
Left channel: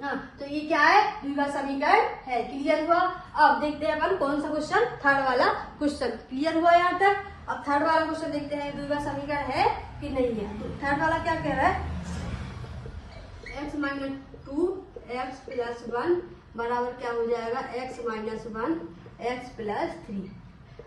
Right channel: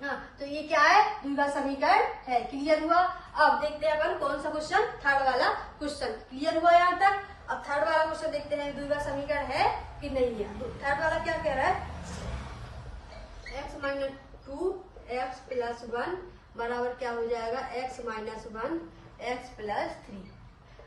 हाँ, तो ये क्या है, द्विघात समीकरण है। क्लियर हुआ। अब देखते हैं अपन कौन सा क्वेश्चन, थर्ड वाला क्वेश्चन। क्लियर हुआ यहाँ तक। अब थर्ड वाला क्वेश्चन देखते हैं द्विघात समीकरण है कि नहीं है। तो थर्ड वाला क्या कह रहा है, x माइनस 2x प्लस 1 बराबर क्या हो जाएगा, x माइनस 1 x प्लस 3।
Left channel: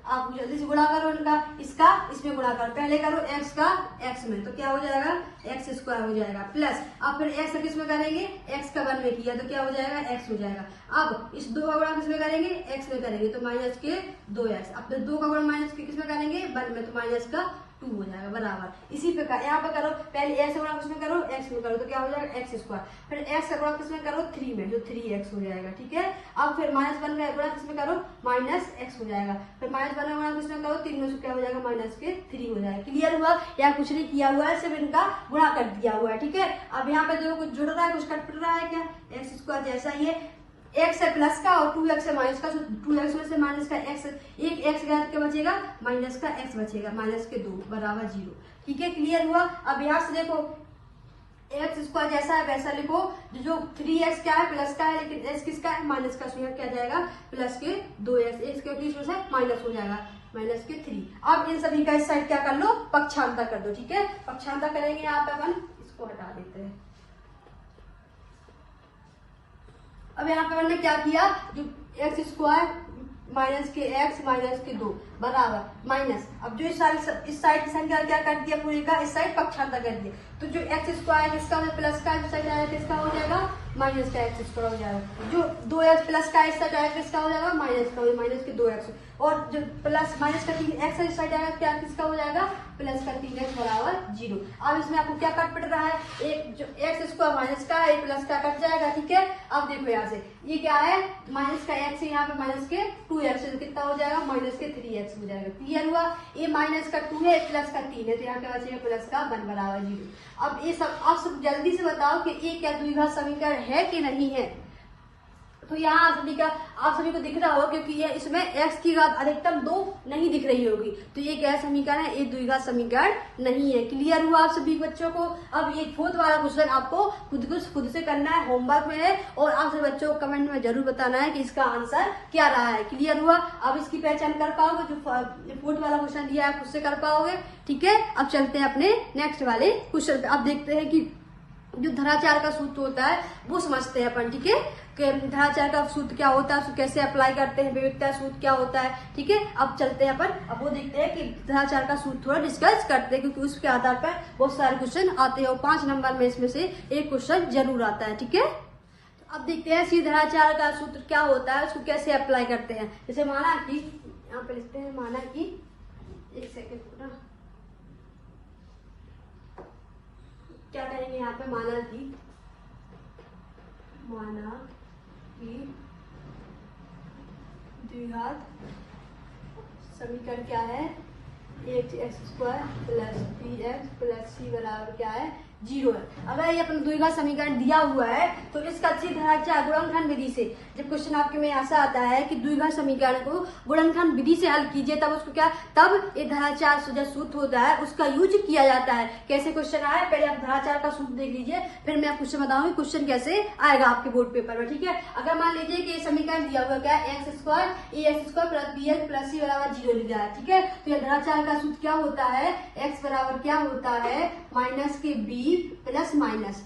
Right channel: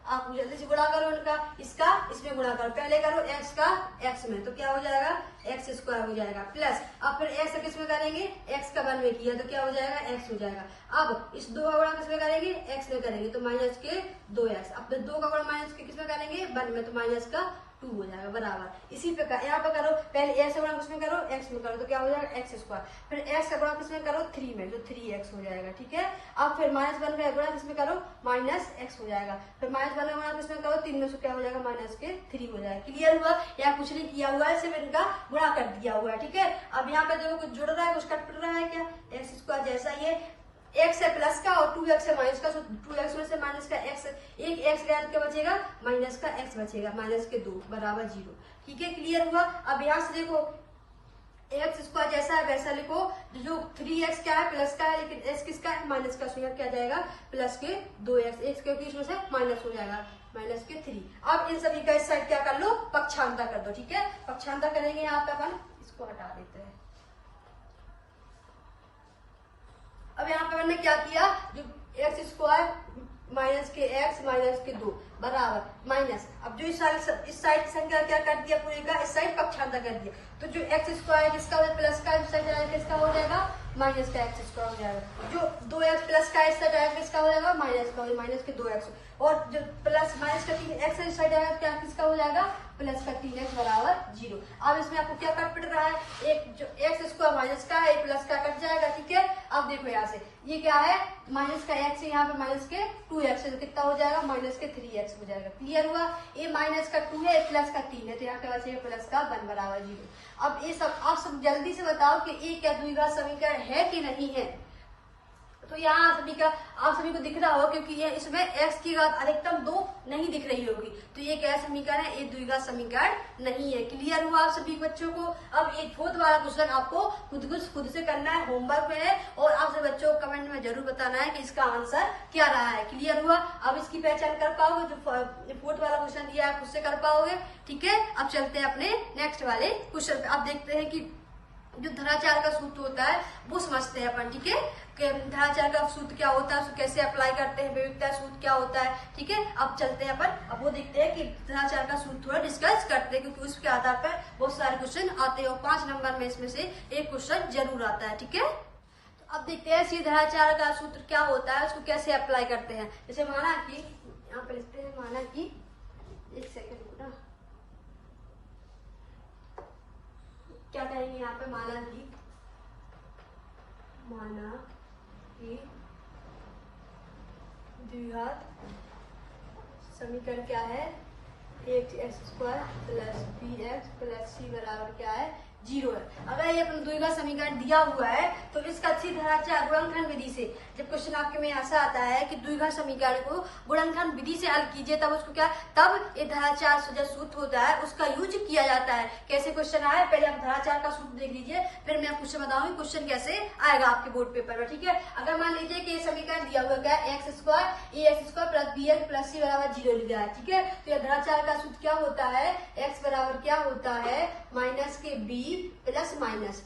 आप जल्दी से गुणा करो उनका, इसका इसमें गुणा करो, पहले करो x का x में, तो क्या हो जाएगा, एक्स स्क्वायर हो जाएगा, प्लस अब फिर x किस में करेंगे, x का 1 में किया तो क्या हो जाएगा, x हो जाएगा। अब इस 2 का गुणा किस में करेंगे, x में करेंगे तो माइनस के 2x। अब फिर 2 का गुणा माइनस के किस में करेंगे, 1 में, तो माइनस का 2 हो जाएगा बराबर। इसी प्रकार यहाँ पे करो, पहले x का गुणा किसमें करो, x में करो तो क्या हो जाएगा, एक्स स्क्वायर। फिर x का गुणा किसमें करो, 3 में, तो 3x हो जाएगा। ठीक है, अब फिर -1 में गुणा किसमें करो, -x हो जाएगा। फिर -1 में गुणा किसमें करो, 3 में से क्या हो जाएगा, माइनस के 3 हो जाएगा। क्लियर हुआ। यहाँ कुछ नहीं किया हुआ है, सिर्फ इनका गुणा कर दिया हुआ है। ठीक है, अब यहाँ पे जो कुछ जुड़ रहा है, कुछ कट पिट रहा है क्या, एक्स स्क्वायर जैसा ही है, x है प्लस का और 2x है माइनस का, तो 2x में से माइनस का x, एक x गया तो क्या बचेगा, माइनस का x बचेगा, माइनस के 2 बराबर 0। ठीक है, क्लियर हुआ। अब यहाँ से देखो, एक्स स्क्वायर जैसा है वैसा लिखो, जो 3x क्या है, प्लस का है, लेकिन x किसका है, माइनस का, तो क्या जाएगा, प्लस के 2x, x के बीच में से माइनस हो जाएगा, माइनस के 3। अब इन सभी का इस साइड क्या कर लो, पक्षांतर कर दो। ठीक है, पक्षांतर करेंगे यहाँ पे अपन, इसको हटा देते हैं। अब यहाँ पे मैंने क्या किया, जो एक्स स्क्वायर माइनस के x माइनस के 2 बराबर माइनस, अब जो इस साइड संख्या क्या कर दिया, पूरी का इस साइड पक्षांतर कर दिया, तो जो एक्स स्क्वायर किसका हो, प्लस का इस साइड किसका हो जाएगा, माइनस का एक्स स्क्वायर हो जाएगा। जो 2x प्लस का इस साइड आएगा किसका हो जाएगा, माइनस का, माइनस के 2x, और जो प्लस माइनस का 3x इस साइड आएगा क्या किसका हो जाएगा, प्लस का 3x बराबर 0। अब इसमें आपको क्या कट पिट रहा है, एक जो एक्स स्क्वायर माइनस का है, प्लस का कट जाएगा। ठीक है, अब देखो यहाँ से ये क्या है, माइनस का x है, यहाँ पे माइनस के 2x है, तो कितना हो जाएगा, माइनस के 3x हो जाएगा। क्लियर हुआ। ये माइनस का 2 है, प्लस का 3 है, तो यहाँ क्या बचेगा, प्लस का 1 बराबर 0। अब ये सब आप सब जल्दी से बताओ कि ये क्या द्विघात समीकरण है कि नहीं है। तो यहाँ आप सभी को दिख रहा होगा, क्योंकि ये इसमें x की घात अधिकतम 2 नहीं दिख रही होगी, तो ये क्या समीकरण है, एक द्विघात समीकरण नहीं है। क्लियर हुआ आप सभी बच्चों को। अब ये फोर्थ वाला क्वेश्चन आपको खुद से करना है, होमवर्क में है, और आप सभी बच्चों को कमेंट में जरूर बताना है कि इसका आंसर क्या रहा है। क्लियर हुआ। अब इसकी पहचान कर पाओगे, जो फोर्थ वाला क्वेश्चन दिया है उससे कर पाओगे। ठीक है, अब चलते हैं अपने नेक्स्ट वाले क्वेश्चन पे। अब देखते हैं कि जो धराचार का सूत्र होता है वो समझते हैं अपन। ठीक है, धराचार का सूत्र क्या होता है, उसको कैसे अप्लाई करते हैं, विविधता सूत्र क्या होता है। ठीक है, अब चलते हैं अपन, अब वो देखते हैं कि धराचार का सूत्र थोड़ा डिस्कस करते हैं, क्योंकि उसके आधार पर बहुत सारे क्वेश्चन आते हैं, और 5 नंबर में इसमें से एक क्वेश्चन जरूर आता है। ठीक है, अब देखते हैं कि धराचार का सूत्र क्या होता है, उसको कैसे अप्लाई करते हैं। जैसे माना कि यहाँ पे लिखते हैं, माना कि एक सेकेंड क्या करेंगे यहाँ पे, माना कि द्विघात समीकरण क्या है, 8x² plus 3x plus c बराबर क्या है, 0 है। अगर ये अपन द्विघात समीकरण दिया हुआ है तो इसका अच्छी धराचार गुणनखंड विधि से, जब क्वेश्चन आपके में ऐसा आता है कि द्विघात समीकरण को गुणनखंड विधि से हल कीजिए, तब उसको क्या, तब ये धराचार जो सूत्र होता है उसका यूज किया जाता है। कैसे क्वेश्चन आया, पहले आप धराचार का सूत्र देख लीजिए, फिर मैं क्वेश्चन बताऊंगी क्वेश्चन कैसे आएगा आपके बोर्ड पेपर में। ठीक है, अगर मान लीजिए कि ये समीकरण दिया हुआ क्या है, x² plus bx plus c बराबर 0 लिखा है। ठीक है, तो यह धराचार का सूत्र क्या होता है, x बराबर क्या होता है, माइनस के b B plus minus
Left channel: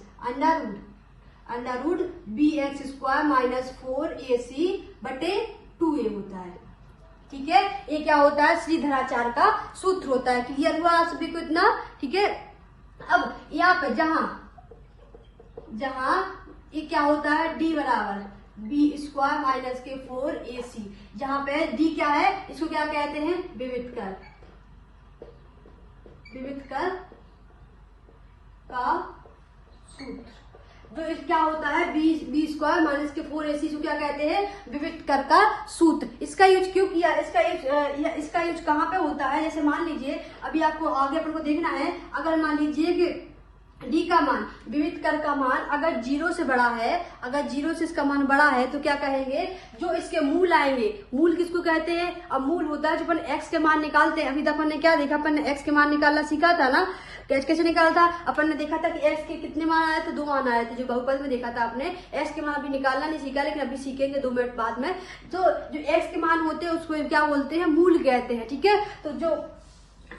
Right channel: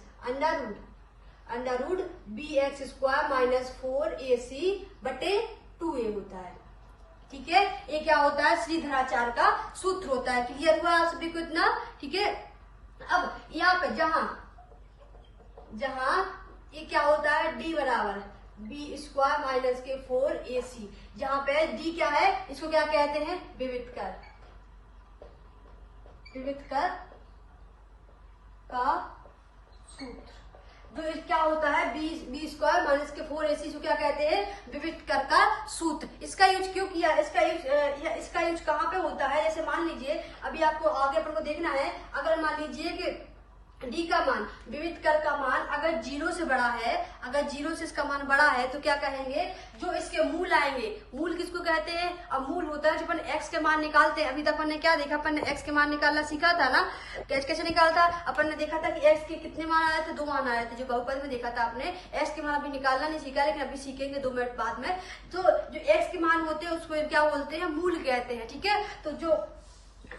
under root B X square minus 4ac बटे 2a होता है। ठीक है, ये क्या होता है, श्रीधराचार्य का सूत्र होता है। क्लियर हुआ आप सभी को इतना? ठीक है, अब यहाँ पे जहां ये क्या होता है, d बराबर बी स्क्वायर माइनस के 4ac, जहां पे d क्या है, इसको क्या कहते हैं, विवितकर का सूत्र। तो क्या होता है, बी स्क्वायर माइनस के 4ac, जो क्या कहते हैं, विवितकर का सूत्र। इसका यूज क्यों किया, इसका यूज कहाँ पे होता है, जैसे मान लीजिए अभी आपको आगे अपन को देखना है, अगर मान लीजिए कि डी का मान, विवितकर का मान अगर 0 से बड़ा है, अगर 0 से इसका मान बड़ा है तो क्या कहेंगे, जो इसके मूल आएंगे, मूल किसको कहते हैं, अब मूल होता है जो अपन x के मान निकालते हैं। अभी तक अपन ने क्या देखा, अपन ने x के मान निकालना सीखा था ना, कैसे निकालता, अपन ने देखा था कि x के कितने मान आए थे, 2 मान आए थे, जो बहुपद में देखा था आपने। x के मान अभी निकालना नहीं सीखा, लेकिन अभी सीखेंगे 2 मिनट बाद में। तो जो x के मान होते हैं उसको क्या बोलते हैं, मूल कहते हैं। ठीक है, तो जो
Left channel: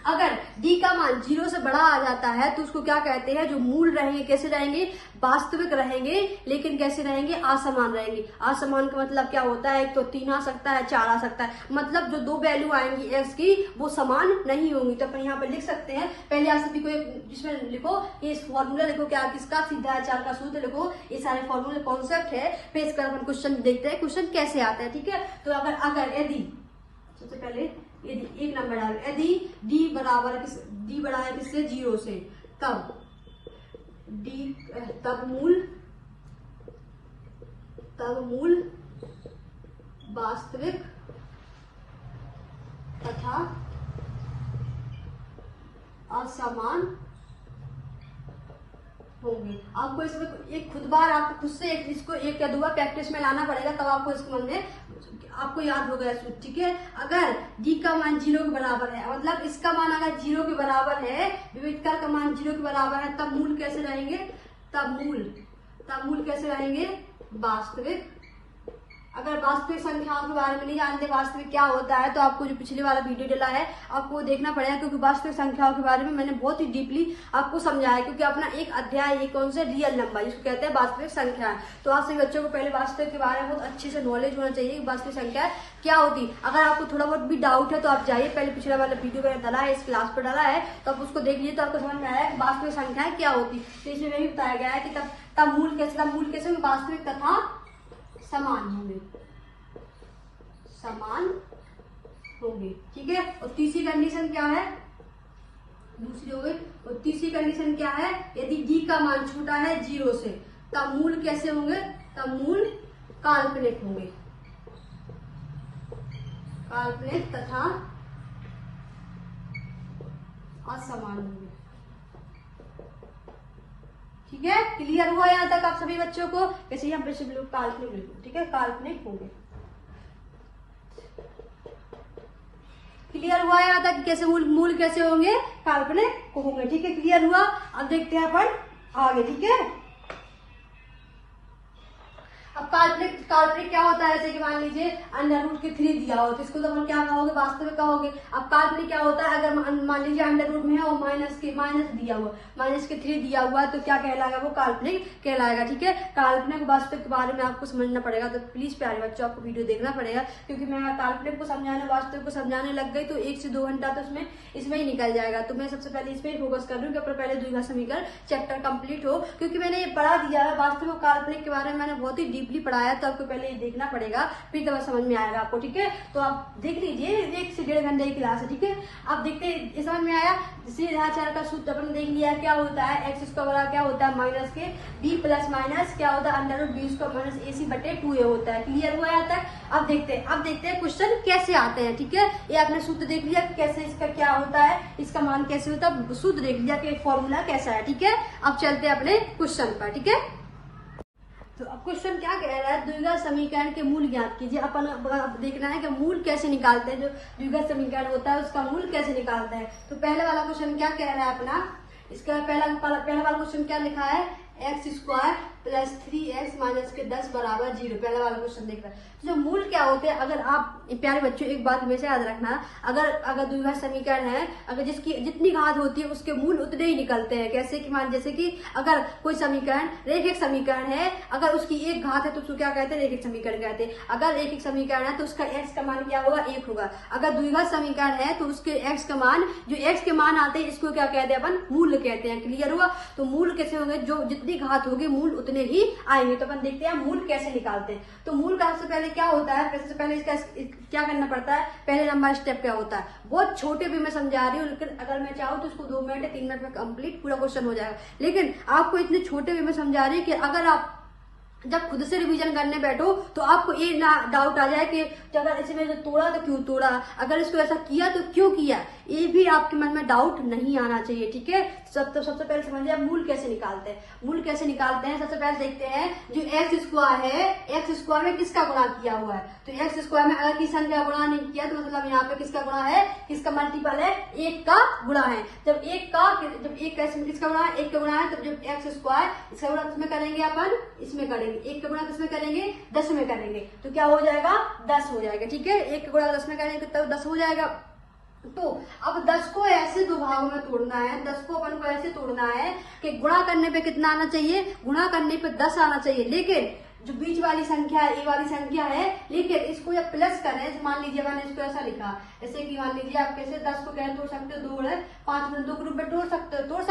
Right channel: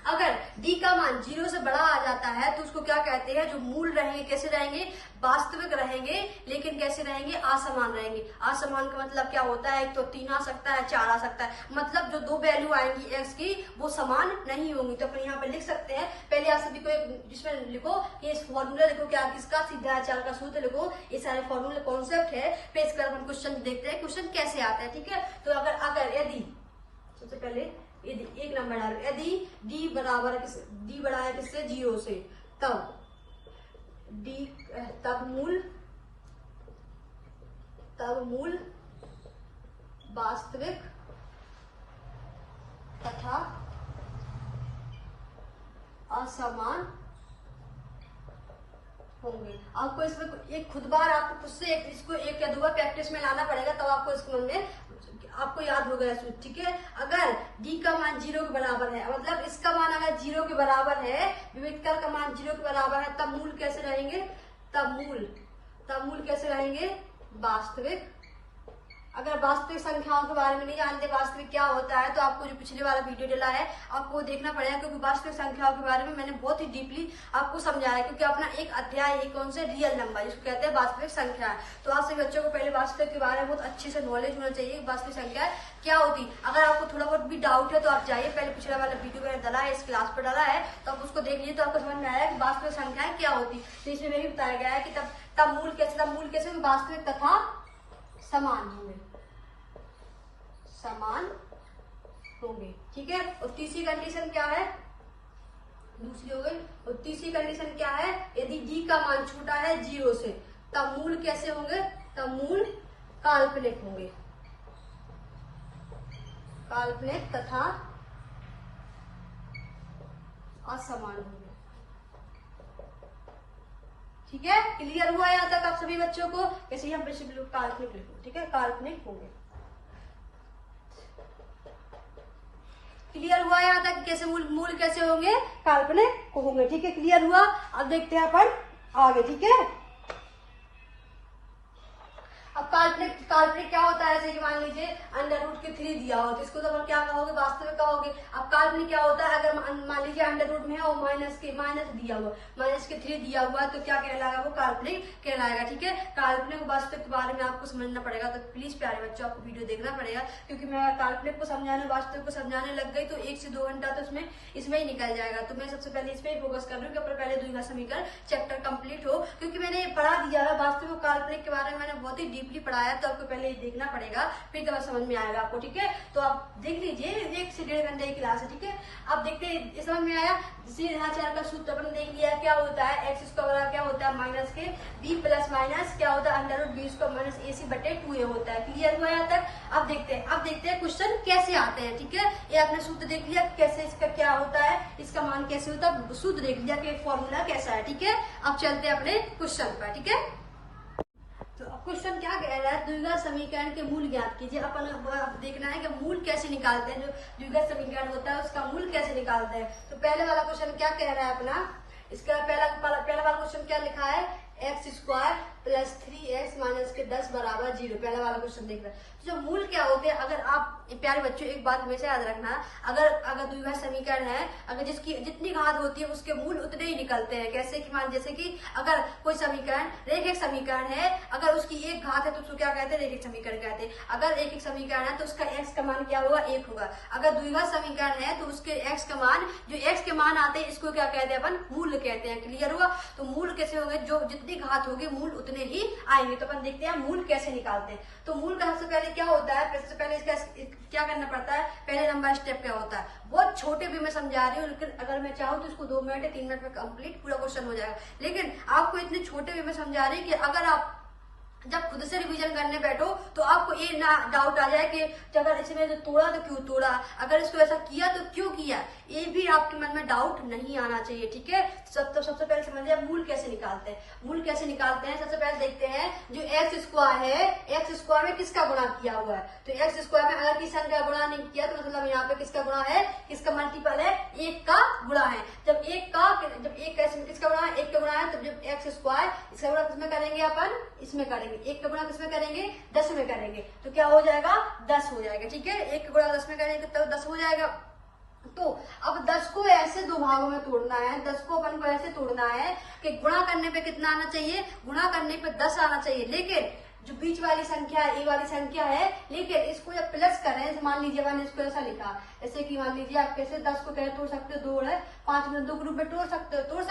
अगर d का मान 0 से बड़ा आ जाता है तो उसको क्या कहते हैं, जो मूल रहेंगे कैसे रहेंगे, वास्तविक रहेंगे, लेकिन कैसे रहेंगे, असमान रहेंगे। असमान का मतलब क्या होता है, एक तो 3 आ सकता है, 4 आ सकता है, मतलब जो 2 वैल्यू आएंगी x की वो समान नहीं होंगी। तो अपन यहाँ पर लिख सकते हैं, पहले आप सभी को जिसमें लिखो, ये फॉर्मूला लिखो, क्या किसका, श्रीधराचार्य का सूत्र लिखो, ये सारे फॉर्मूले कॉन्सेप्ट है। फिर इसका अपन क्वेश्चन देखते हैं, क्वेश्चन कैसे आता है। ठीक है, तो अगर यदि सबसे पहले यदि एक नंबर डाल, यदि d बड़ा है किससे, 0 से, तब मूल वास्तविक तथा असमान होंगे। आपको इसमें एक खुद बार आपको खुद से इसको एक या 2 बार प्रैक्टिस में लाना पड़ेगा, तब आपको इसको मन में आपको याद होगा सूत्र। ठीक है, अगर d का मान 0 के बराबर है, मतलब इसका मान अगर 0 के बराबर है, विवितकर का मान 0 के बराबर है, तब मूल कैसे रहेंगे, तब मूल कैसे रहेंगे, वास्तविक। अगर वास्तविक संख्याओं के बारे में नहीं जानते वास्तविक क्या होता है, तो आपको जो पिछले वाला वीडियो डला है आपको वो देखना पड़ेगा, क्योंकि वास्तविक संख्याओं के बारे में मैंने बहुत ही डीपली आपको समझाया। क्योंकि अपना एक अध्याय है कौन से, रियल नंबर, जिसको कहते हैं वास्तविक संख्या। तो आप सभी बच्चों को पहले वास्तविक के बारे में बहुत अच्छे से नॉलेज होना चाहिए, वास्तविक संख्या क्या होती। अगर आपको थोड़ा बहुत भी डाउट है तो आप जाइए, पहले पिछला वाला वीडियो मैंने डाला है, इस क्लास पर डाला है, तो आप उसको देख लीजिए, तो आपको समझ में आया कि वास्तविक संख्या क्या होती। तो इसमें यही बताया गया है कि तब मूल कैसे वास्तविक तथा समान होंगे। ठीक है, और तीसरी कंडीशन क्या है, दूसरी हो गई, और तीसरी कंडीशन क्या है, यदि d का मान छोटा है 0 से, तब मूल कैसे होंगे, तब मूल काल्पनिक होंगे, काल्पनिक तथा असमान होंगे। ठीक है, क्लियर हुआ यहाँ तक आप सभी बच्चों को, कैसे हम काल्पनिक लिखो। ठीक है, काल्पनिक होंगे। क्लियर हुआ यहाँ तक कैसे मूल कैसे होंगे, काल्पनिक होंगे। ठीक है, क्लियर हुआ। अब देखते हैं अपन आगे। ठीक है, अब काल्पनिक क्या होता है, जैसे कि मान लीजिए अंडर रूट के 3 दिया हो, तो इसको तो क्या कहोगे, वास्तविक कहोगे। अब काल्पनिक क्या होता है, अगर मान लीजिए अंडर रूट में है और माइनस दिया हुआ, माइनस के 3 दिया हुआ है, तो क्या कहलाएगा, वो काल्पनिक कहलाएगा। ठीक है, काल्पनिक वास्तविक के बारे में आपको समझना पड़ेगा, तो प्लीज प्यारे बच्चों आपको वीडियो देखना पड़ेगा, क्योंकि मैं काल्पनिक को समझाने वास्तविक को समझाने लग गई तो 1 से 2 घंटा तो इसमें ही निकल जाएगा। तो मैं सबसे पहले इसमें ही फोकस कर रही हूँ कि पहले द्विघात समीकरण चैप्टर कंप्लीट हो, क्योंकि मैंने ये पढ़ा दिया है वास्तविक और काल्पनिक के बारे में, मैंने बहुत ही डीपली पढ़ाया, तो आपको पहले ये देखना पड़ेगा, फिर तो समझ में आएगा आपको। ठीक है, तो आप देख लीजिए, 1 से 1.5 घंटे की क्लास है। ठीक है, अब देखते हैं समझ में आया। श्रीधराचार्य का सूत्र अपन देख लिया, क्या होता है, एक्स स्क्वायर क्या होता है, माइनस के b प्लस माइनस क्या होता है, under root B square minus ac बटे 2a होता है। क्लियर हुआ यहाँ तक। अब देखते हैं क्वेश्चन कैसे आते हैं। ठीक है, ये आपने सूत्र देख लिया कैसे इसका क्या होता है, इसका मान कैसे होता है, सूत्र देख लिया कि फॉर्मूला कैसा है। ठीक है, अब चलते हैं अपने क्वेश्चन पर। ठीक है, तो अब क्वेश्चन क्या कह रहा है, द्विघात समीकरण के मूल ज्ञात कीजिए। अपन अब देखना है कि मूल कैसे निकालते हैं, जो द्विघात समीकरण होता है उसका मूल कैसे निकालते हैं। तो पहले वाला क्वेश्चन क्या कह रहा है अपना, इसका पहला वाला क्वेश्चन क्या लिखा है x square plus 3x minus के 10 बराबर 0। पहला वाला क्वेश्चन देख रहे हैं। तो जो मूल क्या होते हैं, अगर आप प्यारे बच्चों एक बात हमेशा याद रखना, अगर द्विघात समीकरण है, अगर जिसकी जितनी घात होती है उसके मूल उतने ही निकलते हैं। कैसे कि मान जैसे कि अगर कोई समीकरण रेखिक समीकरण है, अगर उसकी एक घात है तो उसको क्या कहते हैं, रेखिक समीकरण कहते हैं। अगर रेखिक समीकरण है तो उसका x का मान क्या होगा, 1 होगा। अगर द्विघात समीकरण है तो उसके x का मान, जो x के मान आते हैं इसको क्या कहते हैं, अपन मूल कहते हैं। क्लियर हुआ? तो मूल कैसे होंगे, जो जितनी घात होगी मूल उतने ही आएंगे। तो अपन देखते हैं मूल कैसे निकालते हैं। तो मूल का सबसे पहले क्या होता है, सबसे पहले इसका क्या करना पड़ता है, पहले नंबर स्टेप क्या होता है, बहुत छोटे भी मैं समझा रही हूँ, लेकिन अगर मैं चाहूँ तो इसको 2 मिनट या 3 मिनट में कंप्लीट पूरा क्वेश्चन हो जाएगा। लेकिन आपको इतने छोटे भी मैं समझा रही हूँ कि अगर आप जब खुद से रिवीजन करने बैठो तो आपको ये ना डाउट आ जाए कि अगर इसमें तोड़ा तो क्यों तोड़ा, अगर इसको ऐसा किया तो क्यों किया, ये भी आपके मन में डाउट नहीं आना चाहिए। ठीक है, सबसे पहले समझिए मूल कैसे निकालते हैं। मूल कैसे निकालते हैं, सबसे पहले देखते हैं जो एक्स स्क्वायर है, एक्स स्क्वायर में किसका गुणा किया हुआ है। तो एक्स स्क्वायर में अगर किसी संख्या का गुणा नहीं किया तो मतलब यहाँ पे किसका गुणा है, किसका मल्टीपल है, 1 का गुणा है। जब एक किसका गुणा है, 1 का गुणा है, तो जब एक्स स्क्वायर इसका गुणा किसमें करेंगे, अपन इसमें करेंगे। 1 का गुणा किसमें करेंगे, 10 में करेंगे, तो क्या हो जाएगा, 10 हो जाएगा। ठीक है, 1 का गुणा 10 में करेंगे तो 10 हो जाएगा। तो अब 10 को ऐसे 2 भागों में तोड़ना है, 10 को अपन को ऐसे तोड़ना है कि गुणा करने पे कितना आना चाहिए, गुणा करने पे 10 आना चाहिए। लेकिन जो बीच वाली संख्या है, ये वाली संख्या है, लेकिन इसको जब प्लस करें, मान लीजिए मैंने इसको ऐसा लिखा, जैसे कि मान लीजिए आप कैसे 10 को कैसे तोड़ सकते हो, 2 है 5 में 2 के रूप में तोड़ सकते हो, तोड़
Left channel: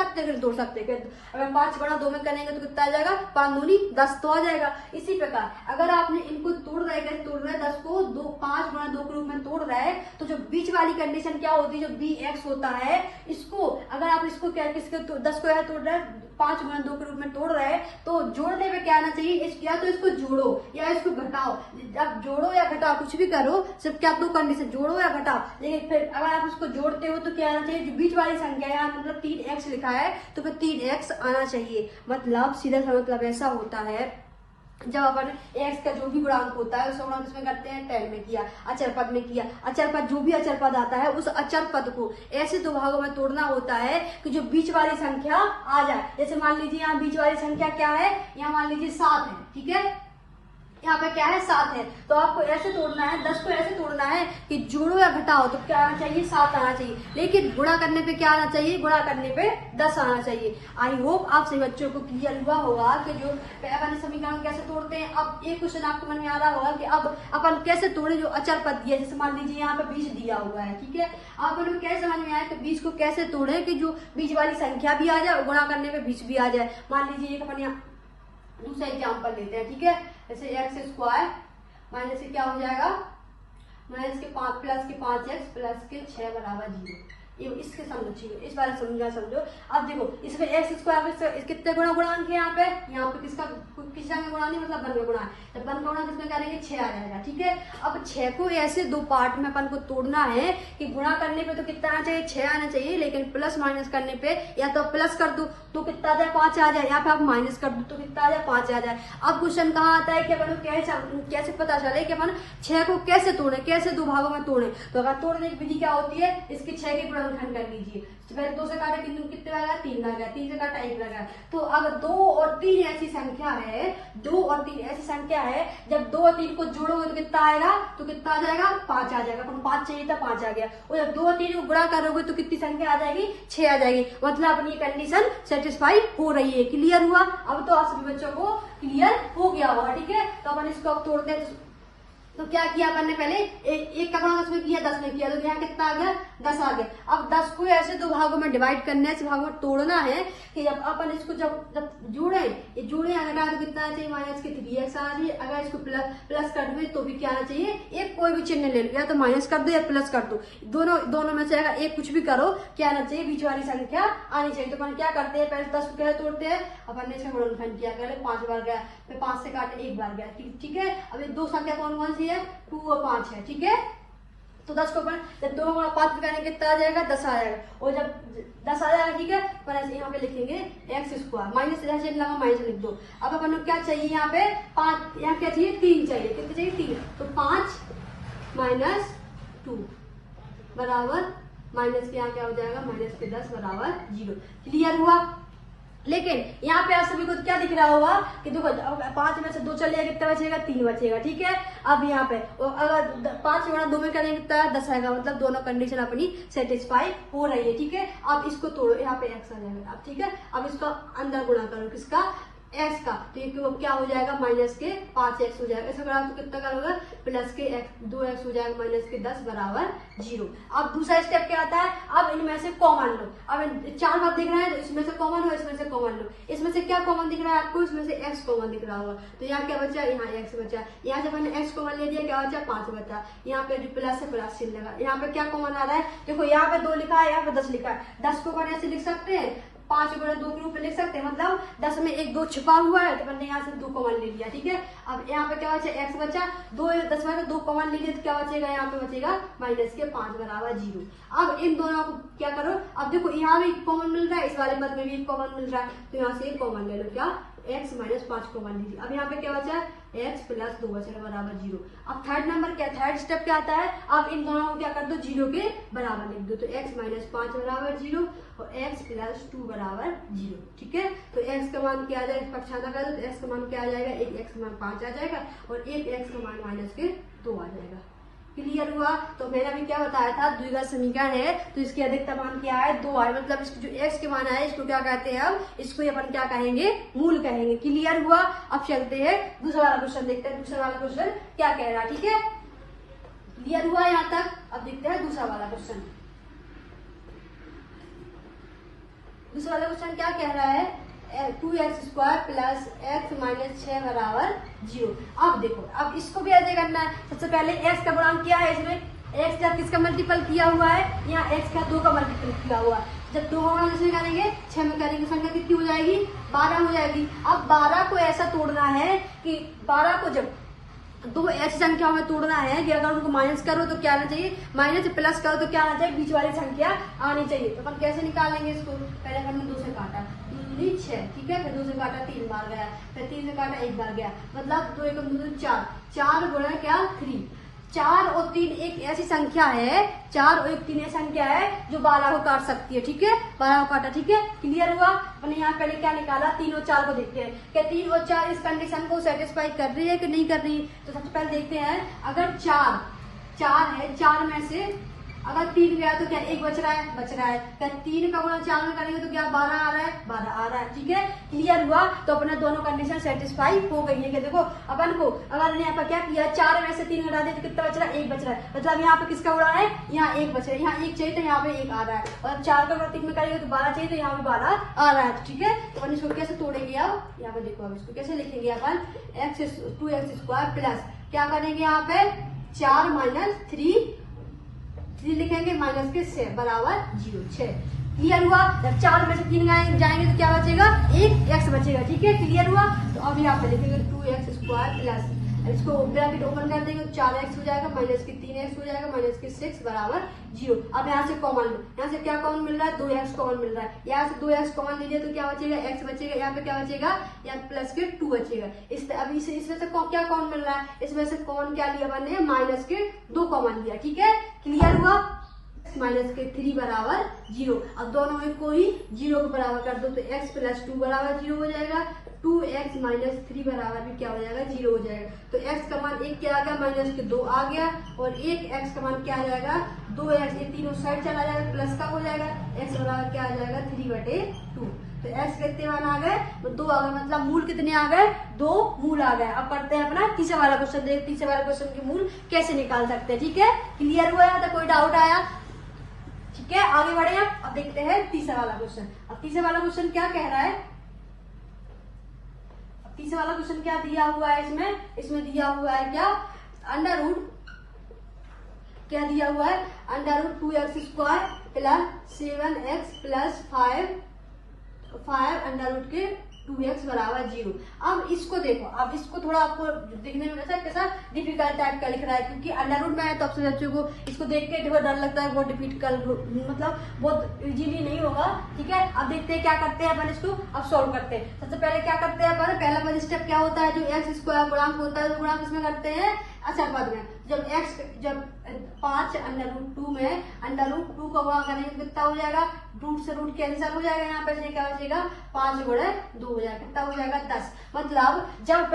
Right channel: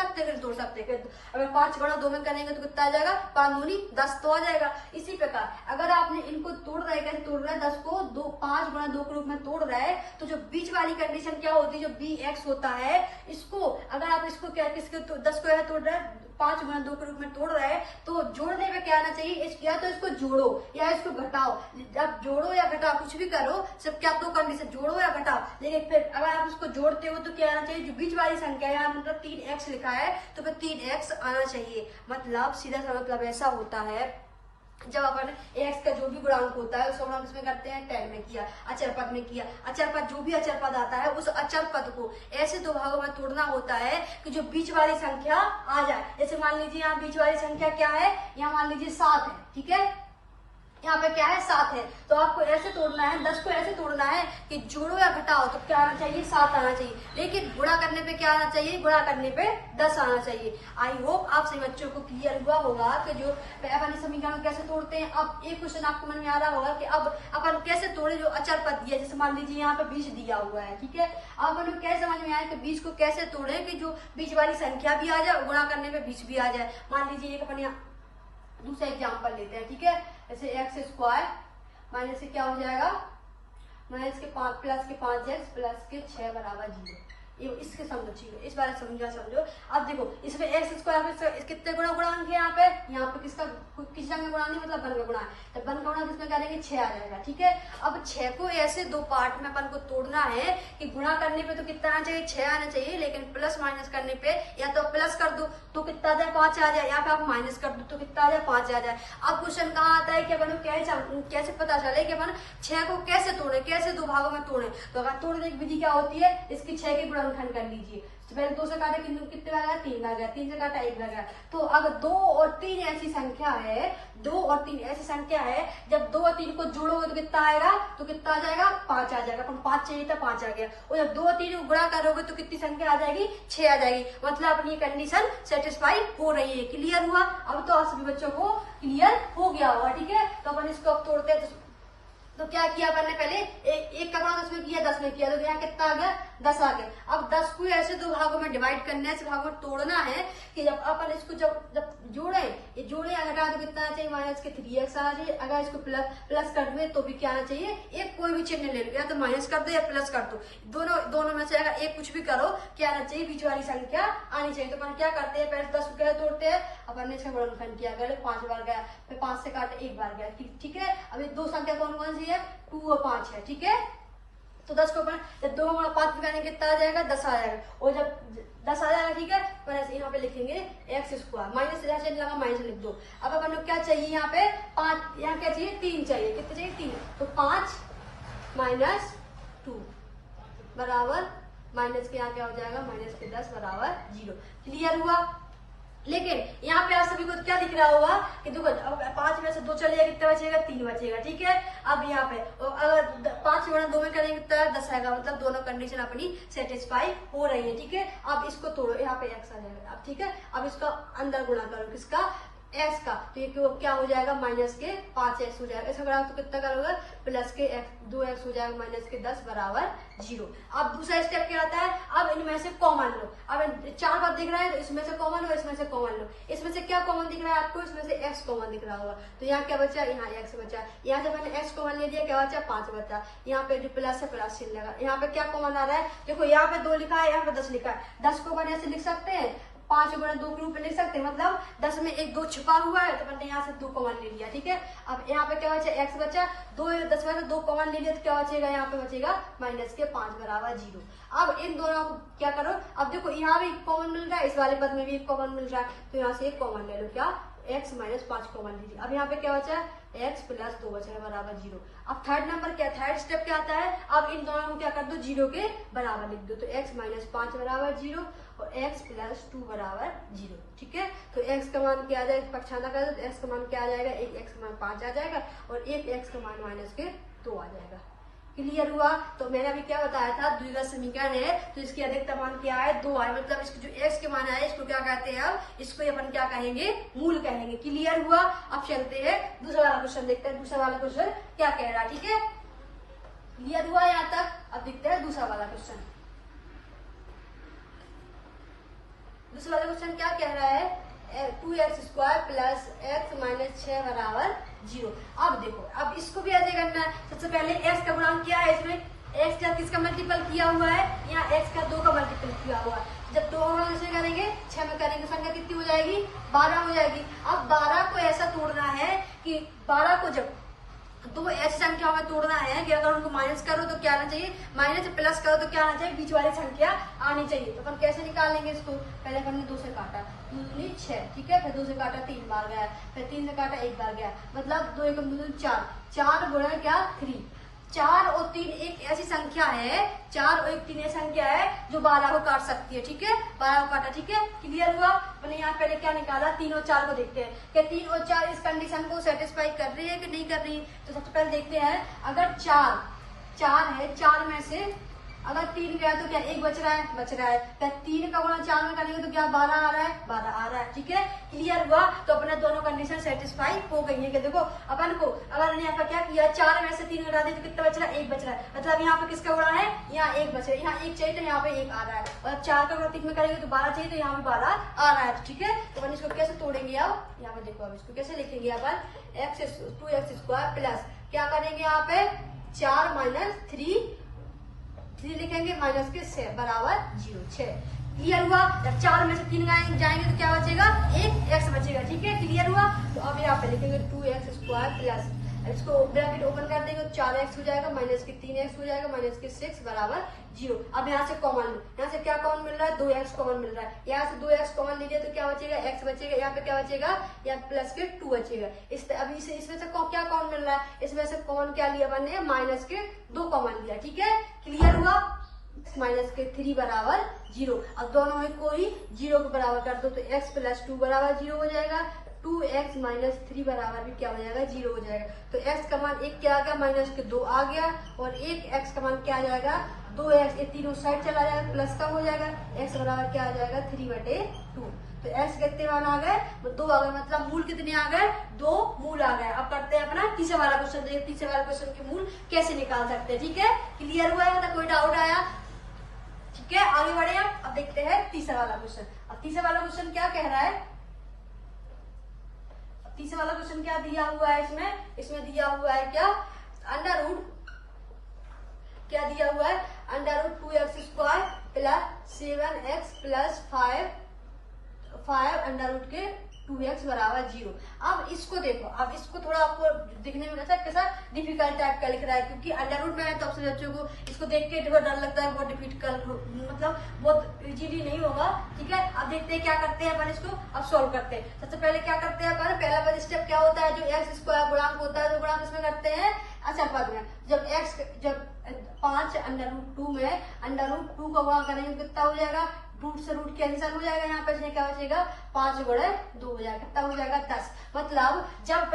सकते हैं। अगर 5 बड़ा 2 में करेंगे तो कितना आ जाएगा, 5 दूनी 10 तो आ जाएगा। इसी प्रकार अगर आपने इनको तोड़ रहे 10 को 5 बड़ा 2 के रूप में तोड़ रहे हैं, तो जो बीच वाली कंडीशन क्या होती है, जो bx होता है, इसको अगर आप इसको क्या किसके 10 को तोड़ रहे हैं, 5 गुणा 2 के रूप में तोड़ रहे हैं, तो जोड़ने में क्या आना चाहिए, या तो इसको जोड़ो या इसको घटाओ। अब जोड़ो या घटाओ कुछ भी करो, सिर्फ क्या 2 कंडीशन, जोड़ो या घटाओ। लेकिन फिर अगर आप इसको जोड़ते हो तो क्या आना चाहिए, जो बीच वाली संख्या है, मतलब 3x लिखा है तो फिर 3x आना चाहिए। मतलब सीधा सा मतलब ऐसा होता है, जब अपन x का जो भी गुणांक होता है उसका गुणांक किसमें करते हैं, 10 में किया, अचर पद में किया। अचर पद, जो भी अचर पद आता है उस अचर पद को ऐसे 2 भागों में तोड़ना होता है कि जो बीच वाली संख्या आ जाए। जैसे मान लीजिए यहाँ बीच वाली संख्या क्या है, यहाँ मान लीजिए 7 है। ठीक है, यहाँ पे क्या है, 7 है, तो आपको ऐसे तोड़ना है, 10 को ऐसे तोड़ना है कि जोड़ो या घटाओ तो क्या आना चाहिए, 7 आना चाहिए। लेकिन गुणा करने पे क्या आना चाहिए, गुणा करने पे 10 आना चाहिए। आई होप आप सभी बच्चों को क्लियर हुआ होगा कि जो अपन समीकरण कैसे तोड़ते हैं। अब एक क्वेश्चन आपको मन में आ रहा होगा कि अब अपन कैसे तोड़े, जो अचर पद दिया, जैसे मान लीजिए यहाँ पे 20 दिया हुआ है। ठीक है, अब अपन कैसे समझ में आया कि 20 को कैसे तोड़े कि जो बीच वाली संख्या भी आ जाए, गुणा करने पे 20 भी आ जाए। मान लीजिए अपन यहाँ दूसरा एग्जाम्पल लेते हैं। ठीक है, जैसे एक्स स्क्वायर माइनस से क्या हो जाएगा, माइनस के 5 प्लस के 5x प्लस के 6 बराबर 0। ये इसके समझो, इस बारे में समझो। अब देखो इसमें एक्स स्क्वायर में कितने गुणांक है, यहाँ पे किसका में गुणा नहीं, मतलब 1 का गुणा है, जब 1 का गुणा किसमें करेंगे, 6 आ जाएगा। ठीक है, अब 6 को ऐसे 2 पार्ट में अपन को तोड़ना है कि गुणा करने पे तो कितना आना चाहिए, 6 आना चाहिए, लेकिन प्लस माइनस करने पे या तो प्लस कर दो तो कितना आ जाए, 5 आ जाए, या फिर आप माइनस कर दो तो कितना आ जाए, 5 आ जाए। अब क्वेश्चन कहाँ आता है कि अपन कैसे पता चले कि अपन 6 को कैसे तोड़े, कैसे 2 भागों में तोड़े। तो अगर तोड़ने की विधि क्या होती है, इसके 6 के गुणनखंड कर लीजिए। तो पहले 2 से काटा कितने आ गया, 3 आ गया, 3 से काटा 1 लगा। तो अगर 2 और 3 ऐसी संख्या है, 2 और 3 ऐसी संख्या है, जब 2 और 3 को जोड़ोगे तो कितना आएगा, तो कितना आ जाएगा, 5 आ जाएगा। अपन 5 चाहिए था, 5 आ गया। और जब 2 और 3 को गुणा करोगे तो कितनी संख्या आ जाएगी, 6 आ जाएगी। मतलब अपनी कंडीशन सेटिस्फाई हो रही है। क्लियर हुआ? अब तो आप सभी बच्चों को क्लियर हो गया होगा। ठीक है, तो अपन इसको अब तोड़ते हैं। तो क्या किया अपन ने, पहले 1 का गुणा 10 में किया, 10 में किया, तो यहाँ कितना आ गया, 10 आ गया। अब 10 को ऐसे 2 भागों में डिवाइड करना है, ऐसे भागों में तोड़ना है कि जब अपन इसको जब जोड़े, ये जोड़े अगर तो कितना आना चाहिए, माइनस के 3x आना चाहिए। अगर इसको प्लस कर दो तो भी क्या आना चाहिए, एक कोई भी चिन्ह ले लो, या तो माइनस कर दो या प्लस कर दो, दोनों में से अगर एक कुछ भी करो, क्या आना चाहिए, बीच वाली संख्या आनी चाहिए। तो अपन क्या करते हैं, पहले 10 को तोड़ते हैं, अपन ने इसका गुणनखंड किया, पहले 5 बार गया, फिर 5 से काटे 1 बार गया। ठीक है, अब ये 2 संख्या कौन सी है, 2 और 5 है। ठीक है, तो 10 को जब 2 और 5 करेंगे कितना आ जाएगा, 10 आ जाएगा। और जब 10 आ जाएगा, ठीक है, पर ऐसे यहाँ पे लिखेंगे एक्स स्क्वायर, माइनस लगा माइनस लिख दो। अब अपन को क्या चाहिए, यहाँ पे 5, यहाँ क्या चाहिए, 3 चाहिए। कितने चाहिए, 3। तो 5 माइनस 2 बराबर माइनस के यहाँ क्या हो जाएगा, माइनस के 10 बराबर 0। क्लियर हुआ? लेकिन यहाँ पे आप सभी को क्या दिख रहा होगा कि देखो 5 में से 2 चलेगा, कितना बचेगा, 3 बचेगा। ठीक है, अब यहाँ पे अगर 5 गुणा 2 में करेंगे कितना 10 आएगा, मतलब दोनों कंडीशन अपनी सेटिस्फाई हो रही है। ठीक है, अब इसको तोड़ो, यहाँ पे x आ जाएगा। अब ठीक है, अब इसका अंदर गुणा करो, किसका, x का, तो ये क्या हो जाएगा, माइनस के 5x हो जाएगा। इसका बराबर तो कितना का होगा, प्लस के 2x हो जाएगा, माइनस के 10 बराबर 0। अब दूसरा स्टेप क्या आता है, अब इनमें से कॉमन लो। अब 4 बार दिख रहा है तो इसमें से कॉमन लो, इसमें से कॉमन लो। इसमें से क्या कॉमन दिख रहा है आपको, इसमें से x कॉमन दिख रहा होगा, तो यहाँ क्या बचा, यहाँ x बचा। यहाँ जब मैंने x कॉमन ले लिया, क्या बचा, 5 बचा। यहाँ पे जो प्लस है प्लस चिन्ह लगा। यहाँ पे क्या कॉमन आ रहा है, देखो यहाँ पे 2 लिखा है, यहाँ पे 10 लिखा है। 10 को अपन ऐसे लिख सकते हैं, 5 गुणा 2 के रूप में लिख सकते हैं, मतलब 10 में 1 2 छिपा हुआ है, तो मैंने यहाँ से 2 कॉमन ले लिया। ठीक है, अब यहाँ पे क्या बचा, x बचा, 10 में से 2 कॉमन ले लिया, तो क्या बचेगा, यहाँ पे बचेगा माइनस के 5 बराबर 0। अब इन दोनों को क्या करो, अब देखो यहाँ भी कॉमन मिल रहा है, इस वाले पद में भी कॉमन मिल रहा है, तो यहाँ से एक कॉमन ले लो, क्या, x माइनस 5 कॉमन लीजिए। अब यहाँ पे क्या बचा, x प्लस 2 बचेगा बराबर 0। अब थर्ड नंबर क्या, थर्ड स्टेप क्या आता है, अब इन दोनों को क्या कर दो, 0 के बराबर लिख दो, तो x माइनस 5 बराबर 0 और x प्लस 2 बराबर 0। ठीक है, तो x का मान क्या आ जाएगा, पक्षांतर कर दो, तो x का मान क्या आ जाएगा, एक x का मान 5 आ जाएगा और एक x का मान माइनस के 2 आ जाएगा। क्लियर हुआ, तो मैंने अभी क्या बताया था, द्विघात समीकरण है तो इसकी अधिकतम मान क्या है, 2 है, मतलब इसकी जो x के मान है इसको क्या कहते हैं, हम इसको अपन क्या कहेंगे, मूल कहेंगे। क्लियर हुआ, अब चलते हैं दूसरा वाला क्वेश्चन देखते हैं, दूसरा वाला क्वेश्चन क्या कह रहा है। ठीक है, क्लियर हुआ यहाँ तक, अब देखते हैं दूसरा वाला क्वेश्चन। दूसरा वाला क्वेश्चन क्या कह रहा है, 2x square plus x minus 6 बराबर 0। अब देखो, अब इसको भी ऐसे करना है। सबसे पहले x का गुणांक क्या है, इसमें x का किसका मल्टीपल किया हुआ है, यहाँ x का 2 का मल्टीपल किया हुआ है। जब 2 का मल्टीपल करेंगे 6 में करेंगे, संख्या कितनी हो जाएगी, 12 हो जाएगी। अब 12 को ऐसा तोड़ना है कि 12 को जब 2 ऐसी संख्याओं में तोड़ना है कि अगर उनको माइनस करो तो क्या आना चाहिए, माइनस प्लस करो तो क्या आना चाहिए, बीच वाली संख्या आनी चाहिए। तो अपन कैसे निकालेंगे इसको, पहले हमने 2 से काटा, 2 6, ठीक है, फिर 2 से काटा 3 बार गया, फिर 3 से काटा 1 बार गया, मतलब 2 1 2 4, 4 गुणा क्या 3। 4 और 3 एक ऐसी संख्या है, 4 और 3 ऐसी संख्या है जो 12 को काट सकती है। ठीक है, 12 को काटा। ठीक है, क्लियर हुआ। मैंने यहाँ पहले क्या निकाला, 3 और 4 को देखते हैं क्या 3 और 4 इस कंडीशन को सेटिस्फाई कर रही है कि नहीं कर रही। तो सबसे पहले देखते हैं, अगर 4 है, 4 में से अगर 3 गया तो क्या 1 बच रहा है। क्या 3 का गुणा 4 में करेंगे तो क्या 12 आ रहा है। ठीक है, क्लियर हुआ। तो अपने दोनों कंडीशन सेटिस्फाई हो गई है कि देखो अपन को अगर यहाँ पर क्या किया, 4 में से 3 घटा दे तो कितना बच रहा है, 1 बच रहा है, मतलब यहाँ पे किसका गुणा है, यहाँ 1 बच रहा है, यहाँ 1 चाहिए तो यहाँ पे 1 आ रहा है, और 4 का गुणा 3 में करेंगे तो 12 चाहिए तो यहाँ पे 12 आ रहा है। ठीक है, तो इसको कैसे तोड़ेंगे, अब यहाँ पे देखो, अब इसको कैसे लिखेंगे अपन, 2x स्क्वायर प्लस क्या करेंगे, यहाँ पे 4 माइनस 3 लिखेंगे, माइनस के 6 बराबर 0 6। क्लियर हुआ। जब 4 में से 3 जाएंगे तो क्या बचेगा, 1 x बचेगा। ठीक है, क्लियर हुआ। तो अब यहाँ पे लिखेंगे 2x स्क्वायर प्लस, इसको ब्रैकेट ओपन कर देंगे, 4x हो जाएगा, माइनस के 3x हो जाएगा, माइनस के 6 बराबर 0। अब यहाँ से कॉमन लो, यहाँ से क्या कॉमन मिल रहा है, 2x कॉमन मिल रहा है, यहाँ से 2x कॉमन लीजिए तो क्या बचेगा, x बचेगा, यहाँ पे क्या बचेगा, यहाँ प्लस के 2 बचेगा। अब इसमें से क्या कॉमन मिल रहा है, इसमें से कॉमन क्या लिया बनने, माइनस के 2 कॉमन लिया। ठीक है, क्लियर हुआ। माइनस के 3 बराबर 0। अब दोनों में कोई 0 के बराबर कर दो तो x प्लस 2 बराबर 0 हो जाएगा, 2x माइनस 3 बराबर भी क्या हो जाएगा, 0 हो जाएगा। तो x का मान 1 क्या आ गया, माइनस के 2 आ गया, और एक x का मान क्या आ जाएगा, 2x, ये तीनों साइड चला जाएगा, प्लस का हो जाएगा, x बराबर क्या आ जाएगा, 3/2। तो x कितने मान आ गए, 2 आ गए, मतलब मूल कितने आ गए, 2 मूल आ गए। अब करते हैं अपना तीसरा वाला क्वेश्चन, देख तीसरे वाला क्वेश्चन के मूल कैसे निकाल सकते हैं। ठीक है, क्लियर हुआ है, तो कोई डाउट आया, ठीक है, आगे बढ़े। अब देखते हैं तीसरा वाला क्वेश्चन। अब तीसरा वाला क्वेश्चन क्या कह रहा है, अब तीसरा वाला क्वेश्चन क्या दिया हुआ है, इसमें दिया हुआ है क्या, अंडर रूट, क्या दिया हुआ है, under root 2x square plus 7x plus 5 under root के 2x बराबर 0। अब इसको देखो, अब इसको थोड़ा आपको दिखने में कैसा डिफिकल्ट टाइप का लिख रहा है, क्योंकि अंडर रूट में है तो आपसे बच्चों को इसको देख के बहुत डर लगता है, बहुत डिफिकल्ट, मतलब बहुत इजीली नहीं होगा। ठीक है, अब देखते हैं क्या करते हैं अपन, इसको अब सॉल्व करते हैं। सबसे पहले क्या करते हैं अपन, पहला स्टेप क्या होता है, जो x स्क्वायर गुणांक होता है, गुणांक इसमें करते हैं अचर पद में, जब 5 √2 में √2 का गुणा करेंगे कितना हो जाएगा, रूट से रूट कैंसिल हो जाएगा, यहाँ पे क्या बचेगा 5/2 हो जाएगा, कितना हो जाएगा 10। मतलब जब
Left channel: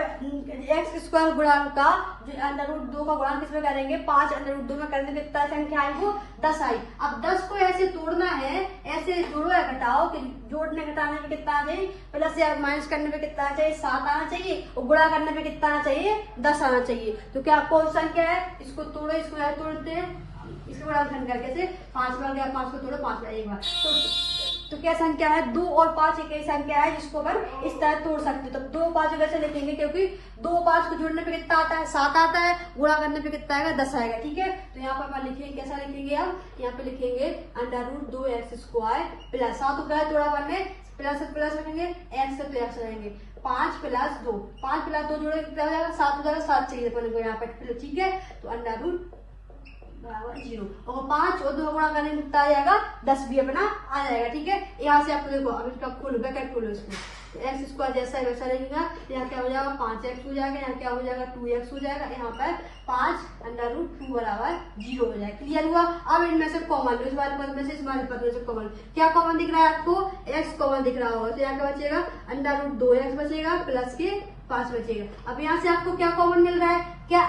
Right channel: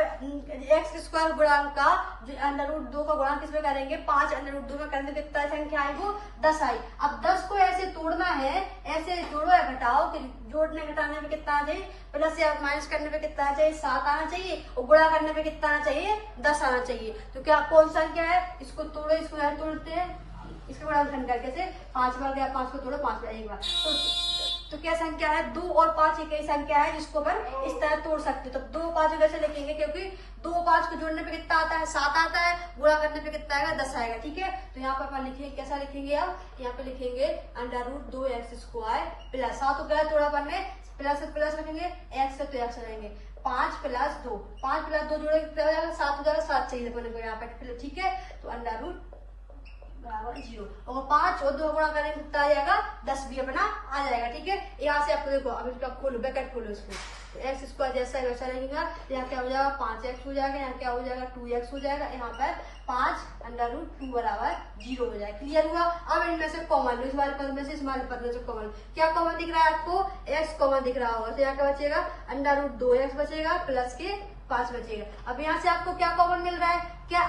x² गुणांक का जो √2 का गुणांक किसमें करेंगे 5 √2 में करेंगे कितना संख्या आई वो 10 आई। अब 10 को ऐसे तोड़ना है, ऐसे जोड़ो या घटाओ कि जोड़ने घटाने में कितना आ जाए, प्लस या माइनस करने में कितना आना चाहिए 7 आना चाहिए, और गुणा करने में कितना आना चाहिए 10 आना चाहिए। तो क्या कौन संख्या है, इसको तोड़ो, इसको यहाँ तोड़ते हैं, इसको बड़ा संख्या कैसे 5 में गया, 5 को तोड़ो 5 में एक बार, तो क्या संख्या है 2 और 5 एक ही संख्या है जिसको अपन इस तरह तोड़ सकते हो। तब 2 5 कैसे लिखेंगे, क्योंकि 2 5 को जोड़ने पे कितना आता है 7 आता है, गुणा करने पे कितना आएगा 10 आएगा। ठीक है, तो यहाँ पर अपन लिखेंगे, कैसा लिखेंगे हम यहाँ पे लिखेंगे √2x² प्लस 7 क्या है थोड़ा बनने प्लस रखेंगे, x से तो x रहेंगे 5 + 2, 5 + 2 जोड़े कितना हो जाएगा 7 हो जाएगा, 7 चाहिए अपन को यहाँ पे। ठीक है, तो √0 और 5 और 2 गुणा करने में कितना आ जाएगा 10 भी अपना आ जाएगा। ठीक है, यहाँ से आप देखो, अब इसका खोलो, ब्रैकेट खोलो इसको, तो x² जैसा है वैसा रहेगा, यहाँ क्या हो जाएगा 5x हो जाएगा, यहाँ क्या हो जाएगा 2x हो जाएगा, यहाँ पर 5 √2 = 0 हो जाएगा। क्लियर हुआ। अब इनमें से कॉमन लो, इस बार पद में से इस बार पद में से कॉमन, क्या कॉमन दिख रहा है आपको, x कॉमन दिख रहा होगा, तो यहाँ क्या बचेगा √2x बचेगा प्लस के 5 बचेगा। अब यहाँ से आपको क्या कॉमन मिल रहा है, क्या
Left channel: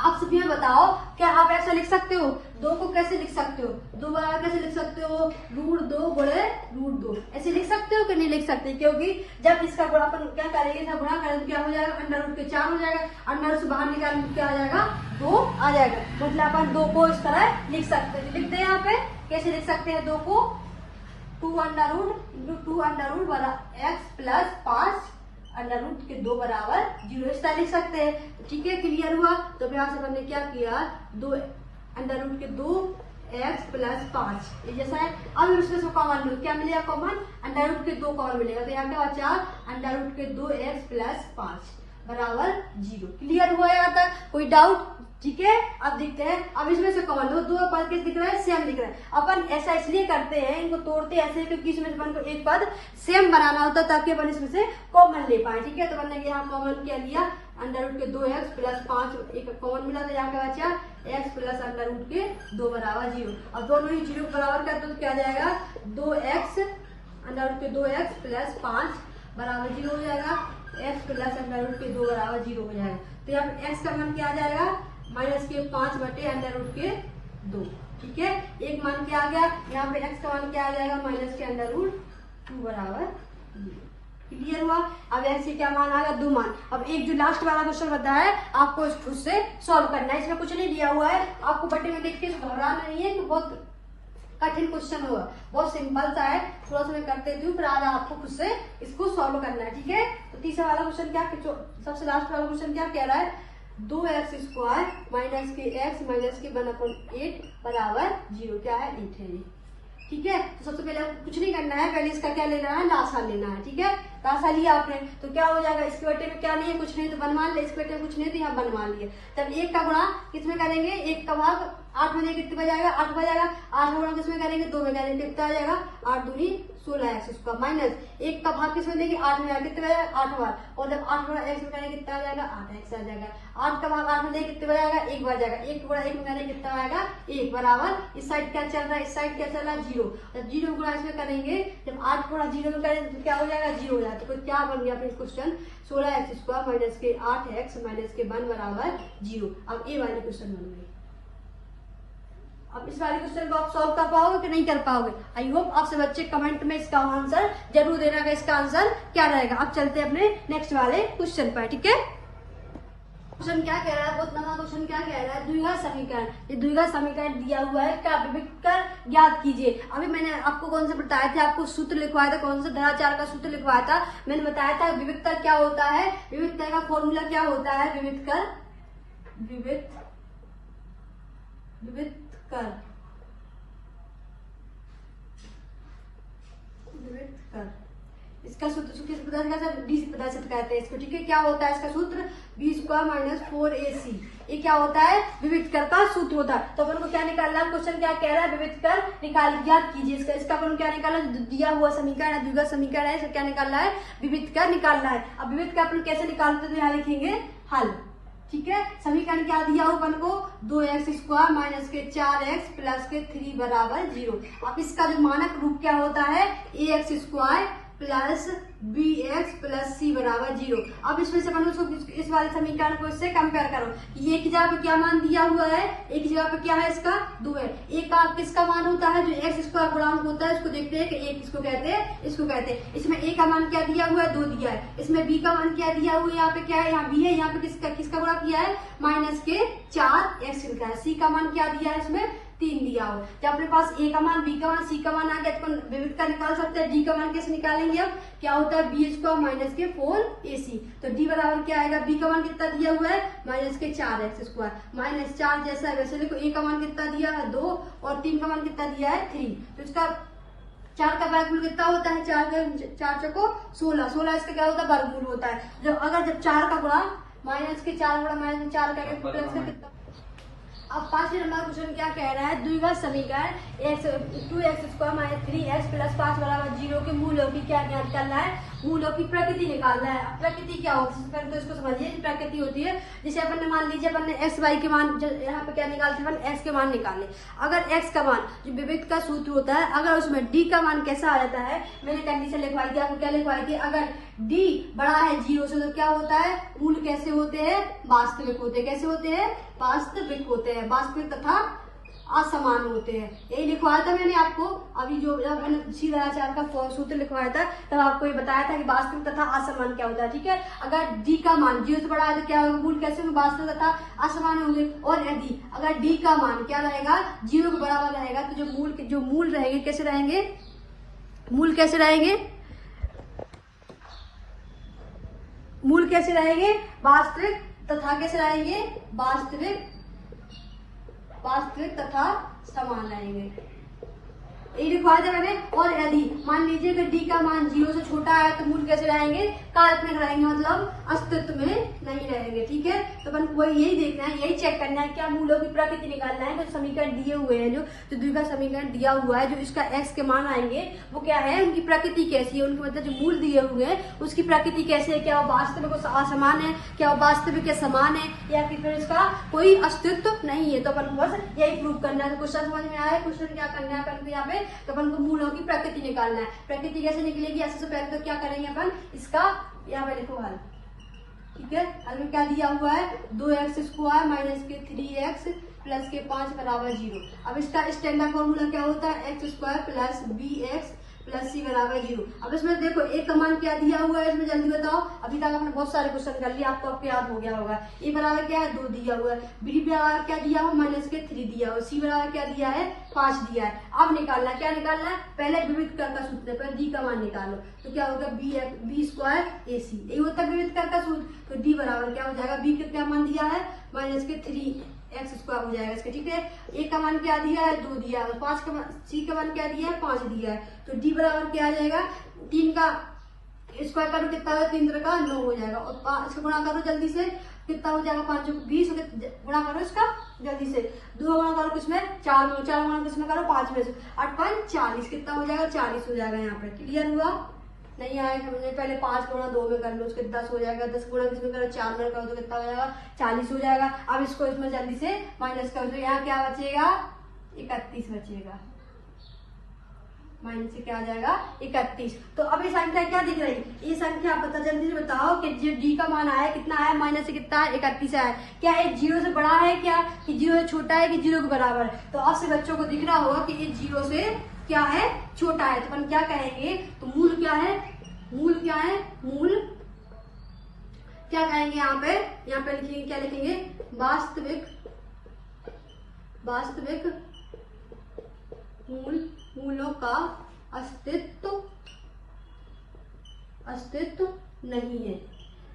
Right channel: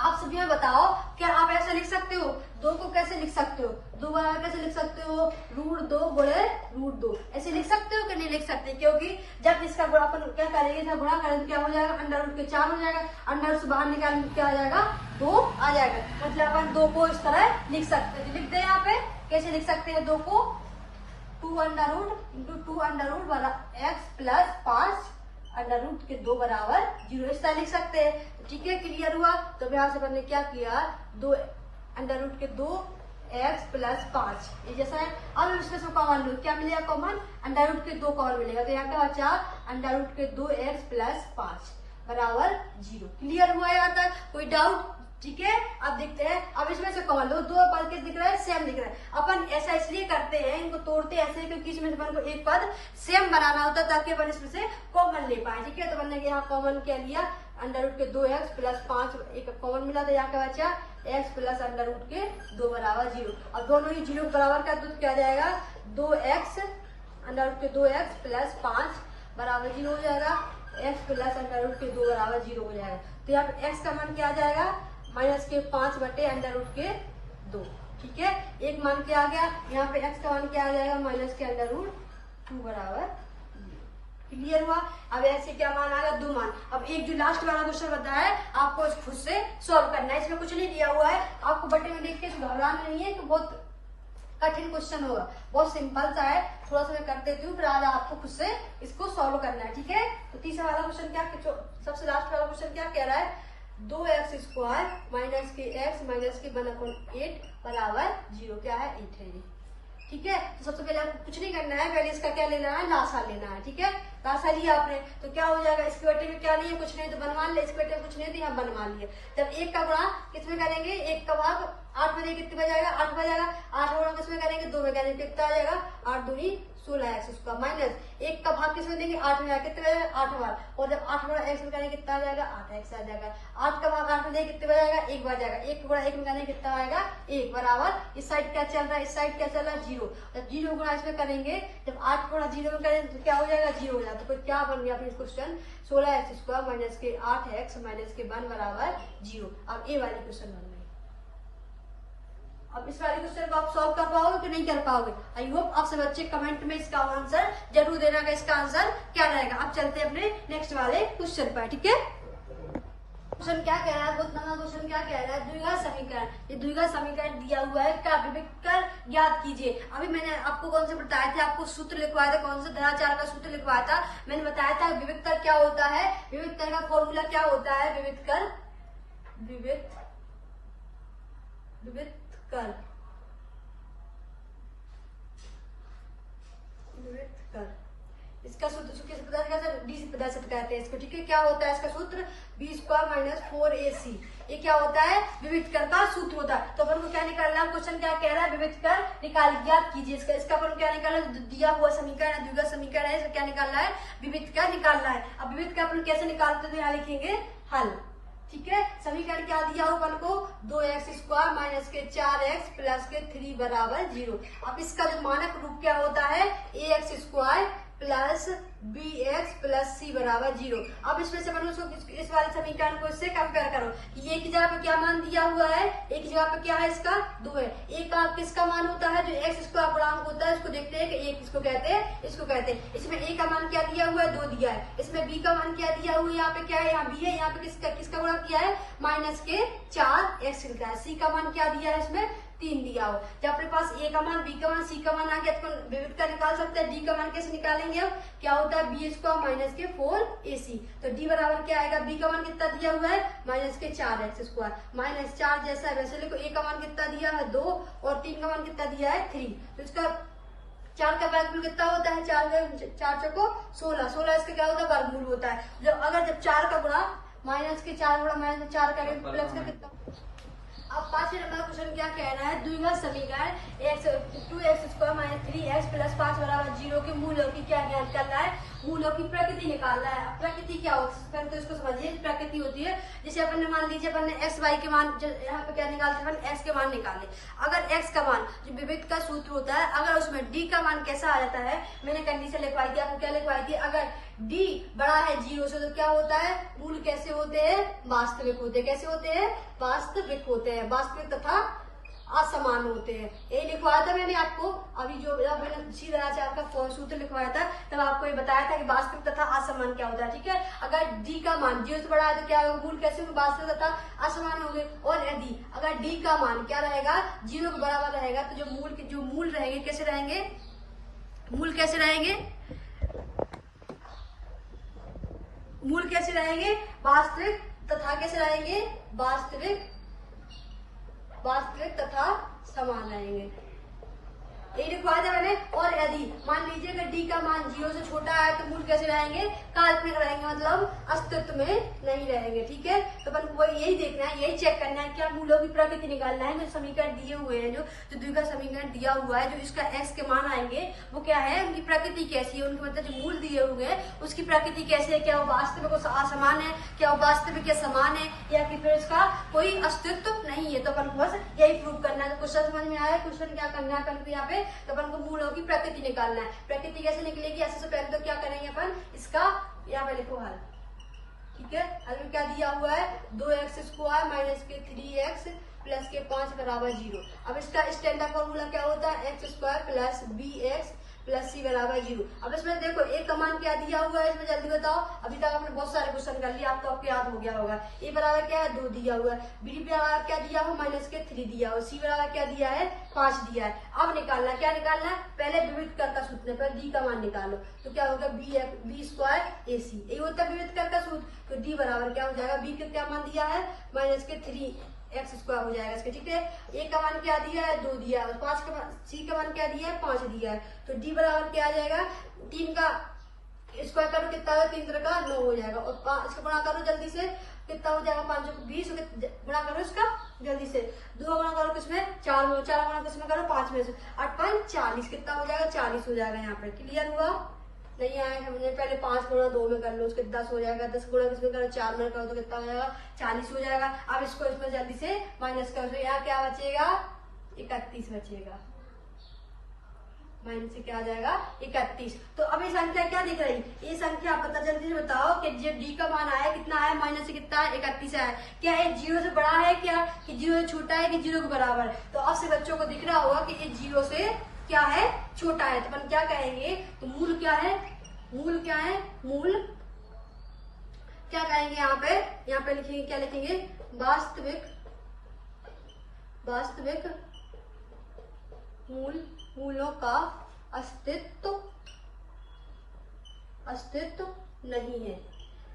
आप सभी में बताओ, क्या आप ऐसा लिख सकते हो, 2 को कैसे लिख सकते हो, 2 बराबर कैसे लिख सकते हो √2 गुणे √2 ऐसे लिख सकते हो कि नहीं लिख सकते, क्योंकि जब इसका गुणा अपन क्या करेंगे, इसका गुणा करेंगे क्या हो जाएगा √4 हो जाएगा, अंडर से बाहर निकालेंगे क्या आ जाएगा 2 आ जाएगा। मतलब अपन 2 को इस तरह लिख सकते हैं, लिख दे यहाँ पे कैसे लिख सकते हैं 2 को 2 x प्लस 5 √2 बराबर 0 इस तरह लिख सकते हैं। ठीक है, क्लियर हुआ। तो यहाँ से मैंने क्या किया 2 x प्लस 5 ये जैसा है। अब इसमें से कॉमन लो, क्या मिलेगा कॉमन √2 कॉमन मिलेगा, तो यहाँ क्या बचा √2x प्लस 5 बराबर 0। क्लियर हुआ यहाँ तक, कोई डाउट। ठीक है, अब देखते हैं, अब इसमें से कॉमन लो, 2 पद किस दिख रहा है सेम दिख रहा है। अपन ऐसा इसलिए करते हैं, इनको तोड़ते ऐसे क्योंकि इसमें अपन को एक पद सेम बनाना होता है ताकि अपन इसमें से कॉमन ले पाए। ठीक है, तो मैंने यहाँ कॉमन क्या लिया √2x प्लस 5 एक कॉमन मिला, तो यहाँ का बचा x प्लस √2 बराबर 0। अब दोनों ही 0 बराबर कर दो, क्या जाएगा 2x प्लस 5 बराबर 0 हो जाएगा, x प्लस √2 बराबर 0 हो जाएगा। तो यहाँ पे x का मान क्या आ जाएगा -5/√2। ठीक है, एक मान क्या आ गया, यहाँ पे x का मान क्या आ जाएगा -√2 बराबर 0। क्लियर हुआ। अब ऐसे क्या मान आ गया 2 मान। अब एक जो लास्ट वाला क्वेश्चन होता है आपको उससे सॉल्व करना है, इसमें कुछ नहीं दिया हुआ है, आपको बटे में देख के घबराना नहीं है कि बहुत कठिन क्वेश्चन होगा, बहुत सिंपल सा है, थोड़ा सा मैं कर देती हूँ, फिर आज आपको खुद से इसको सॉल्व करना है। ठीक है, तो तीसरा वाला क्वेश्चन क्या, सबसे लास्ट वाला क्वेश्चन क्या कह रहा है 2x² माइनस के x माइनस के 1/8 बराबर 0, क्या है 8 है ये। ठीक है, तो सबसे पहले कुछ नहीं करना है, पहले इसका क्या लेना है लासा लेना है। ठीक है, लासा लिया आपने तो क्या हो जाएगा, इसके बटे में क्या नहीं है कुछ नहीं तो बनवा ले, इसके बटे में कुछ नहीं तो यहाँ बनवा लिए। तब 1 का गुणा किसमें करेंगे, 1 का भाग 8 में कितने बजाएगा 8 बजाएगा, 8 गुणा किसमें करेंगे 2 में करेंगे, कितना आ जाएगा 8 दूनी 16x² माइनस 1 का भाग किसमें देंगे 8 में, कितने बजाएगा 8 बार, और जब 8 गुणा x में करेंगे कितना आ जाएगा 8x आ जाएगा। 8 का भाग 8 में देंगे कितने बजाएगा 1 बजाएगा, 1 गुणा 1 में करेंगे कितना आएगा 1 बराबर, इस साइड क्या चल रहा है, इस साइड क्या चल रहा है 0। जब 0 गुणा इसमें करेंगे, जब 8 गुणा 0 में करेंगे तो क्या हो जाएगा 0 हो जाएगा। तो क्या बन गया फिर क्वेश्चन 16x² माइनस के 8x माइनस के 1 बराबर 0। अब ये वाले क्वेश्चन बन गए। अब इस वाले क्वेश्चन को आप सॉल्व कर पाओगे कि नहीं कर पाओगे, आई होप आपसे बच्चे कमेंट में इसका आंसर जरूर देना का इसका आंसर क्या रहेगा। अब चलते हैं अपने नेक्स्ट वाले क्वेश्चन पर। ठीक है, क्वेश्चन क्या कह रहा है, बहुत लंबा क्वेश्चन क्या कह रहा है, द्विघात समीकरण, ये द्विघात समीकरण दिया हुआ है, क्या विभक्त कर याद कीजिए। अभी मैंने आपको कौन सा बताया था, आपको सूत्र लिखवाया था, कौन सा द्विघात का सूत्र लिखवाया था, मैंने बताया था विभक्त कर क्या होता है, विभक्त कर का फॉर्मूला क्या होता है, विभक्त कर इसका सूत्र किस प्रदर्शित करते हैं इसको। ठीक है, क्या होता है इसका सूत्र b² - 4ac, ये क्या होता है विभक्त कर का सूत्र होता है। तो अपन को क्या निकालना है, क्वेश्चन क्या कह रहा है विभक्त कर निकाल याद कीजिए इसका अपन क्या निकालना है, दिया हुआ समीकरण है द्विघात समीकरण है, इसका क्या निकालना है विभक्त कर निकालना है। अब विभक्त कर अपन कैसे निकालते हैं, यहाँ लिखेंगे हल। ठीक है। समीकरण क्या दिया हो अपन को, 2x² माइनस के 4x प्लस के 3 बराबर 0। अब इसका जो मानक रूप क्या होता है, ax² plus bx plus c बराबर 0। अब इसमें से इस वाले समीकरण को इससे कंपेयर करो। ये एक जगह पे क्या मान दिया हुआ है, एक जगह पे क्या है, इसका 2 है। एक का किसका मान होता है, जो x² गुणांक होता है, इसको देखते हैं कि एक इसको कहते हैं, इसको कहते हैं। इसमें a का मान क्या दिया हुआ है, 2 दिया है। इसमें b का मान क्या दिया हुआ है, यहाँ पे क्या है, यहाँ b है, यहाँ पे किसका गुणा किया है, माइनस के 4x लिखा है। c का मान क्या दिया है, इसमें 3 दिया हो। जब अपने पास a का मान, b का मान, c का मान आ गया तो विविध का निकाल सकते हैं। d का मान कैसे निकालेंगे, अब क्या होता है, b² माइनस के 4ac। तो d बराबर क्या आएगा, b का मान कितना दिया हुआ है, माइनस के 4x² माइनस 4 जैसा है वैसे देखो, a का मान कितना दिया है 2 और 3 का मान कितना दिया है 3। तो इसका 4 का वर्गमूल कितना होता है, 4 को 16 इसका क्या होता है, वर्गमूल होता है। जब 4 का गुणा माइनस के 4 गुणा माइनस में 4 करेंगे प्लस का कितना। अब 5 नंबर क्वेश्चन क्या कह रहा है, द्विघात समीकरण 2x² माइनस 3x प्लस 5 बराबर 0 के मूलों की क्या निकालना है, मूलों की प्रकृति निकालना है। प्रकृति क्या होती है, तो इसको समझिए कि प्रकृति होती है, जैसे अपन ने मान लीजिए अपन ने x y के मान, यहाँ पे क्या निकालते हैं, अपन x के मान निकाले। अगर x का मान जो विविध का सूत्र होता है, अगर उसमें d का मान कैसा आ जाता है, मैंने कंडीशन लिखवाई थी, आपको क्या लिखवाई थी, अगर d बड़ा है 0 से तो क्या होता है, मूल कैसे होते हैं, वास्तविक होते हैं। कैसे होते हैं, वास्तविक होते हैं, वास्तविक तथा असमान होते हैं। यही लिखवाया था मैंने आपको, अभी जो मैंने उसी वजह से आपका सूत्र लिखवाया था, तब आपको ये बताया था कि वास्तविक तथा असमान क्या होता है। ठीक है, अगर d का मान 0 से बड़ा है तो क्या होगा, मूल कैसे होंगे, वास्तविक तथा असमान होंगे। और यदि अगर d का मान क्या रहेगा, 0 के बराबर रहेगा, तो जो मूल रहेंगे कैसे रहेंगे, मूल कैसे रहेंगे, मूल कैसे रहेंगे, वास्तविक तथा कैसे रहेंगे, वास्तविक तथा समान रहेंगे। यही लिखवाया था मैंने। और यदि मान लीजिए कि d का मान 0 से छोटा है तो मूल कैसे रहेंगे, काल्पनिक रहेंगे, मतलब अस्तित्व में नहीं रहेंगे। ठीक है, तो अपन को यही देखना है, यही चेक करना है, क्या मूलों की प्रकृति निकालना है। जो समीकरण दिए हुए हैं, जो द्विघात समीकरण दिया हुआ है, जो इसका x के मान आएंगे वो क्या है, उनकी प्रकृति कैसी है, उनकी मतलब जो मूल दिए हुए हैं उसकी प्रकृति कैसे है, क्या वो वास्तविक असमान है, क्या वो वास्तविक के समान है, या फिर इसका कोई अस्तित्व नहीं है। तो अपन बस यही प्रूव करना है। तो क्वेश्चन समझ में आया, क्वेश्चन क्या करना है अपन को, यहाँ पे तो अपन को मूलों की प्रकृति निकालना है। प्रकृति कैसे निकलेगी, ऐसे से पहले तो क्या करेंगे अपन, इसका यहाँ पे लिखो हल। ठीक है, हल में क्या दिया हुआ है, 2x² माइनस के 3x प्लस के 5 बराबर 0। अब इसका स्टैंडर्ड फॉर्मूला क्या होता है, x² plus bx plus c बराबर 0। अब इसमें देखो एक का मान क्या दिया हुआ है, इसमें जल्दी बताओ। अभी तक आपने बहुत सारे क्वेश्चन कर लिए, आपको याद हो गया होगा। a बराबर क्या है, 2 दिया हुआ है, b बराबर क्या दिया हुआ, माइनस के 3 दिया हुआ, c बराबर क्या दिया है, 5 दिया है। अब निकालना क्या निकालना है, पहले विविध कर का सूत्र पर d का मान निकालो, तो क्या होगा, b² ac। यही होता है विविध कर का सूत्र। तो d बराबर क्या हो जाएगा, b का क्या मान दिया है, माइनस के 3x² हो जाएगा इसके। ठीक है, a का मान क्या दिया है, 2 दिया है, 5 का c का मान क्या दिया है, 5 दिया है। तो d बराबर क्या आ जाएगा, 3 का स्क्वायर करो कितना है, 3 का 9 हो जाएगा। और 5 से गुणा करो जल्दी से, कितना हो जाएगा, 5 20 गुणा करो इसका जल्दी से, 2 गुणा करो किसमें, 4 में, 4 गुणा किसमें करो, 5 में से, 8 5 40, कितना हो जाएगा, 40 हो जाएगा। यहाँ पे क्लियर हुआ, नहीं आएगा, हमने पहले 5 गुणा 2 में कर लो, उसके 10 हो जाएगा, 10 गुणा किसमें करो, 4 में करो तो कितना हो जाएगा, 40 हो जाएगा। अब इसको इसमें जल्दी से माइनस करो, तो यहाँ क्या बचेगा, 31 बचेगा, माइनस से क्या आ जाएगा, 31। तो अब ये संख्या क्या दिख रही है, ये संख्या पता जल्दी से बताओ कि जो d का मान आया कितना आया, माइनस से कितना है, 31 आया। क्या है, 0 से बड़ा है क्या, कि 0 से छोटा है, कि 0 के बराबर है। तो अब से बच्चों को दिख रहा होगा कि ये 0 से क्या है, छोटा है। तो अपन क्या कहेंगे, तो मूल क्या है, मूल क्या है, मूल क्या कहेंगे, यहाँ पे लिखेंगे, क्या लिखेंगे, वास्तविक मूलों का अस्तित्व नहीं है।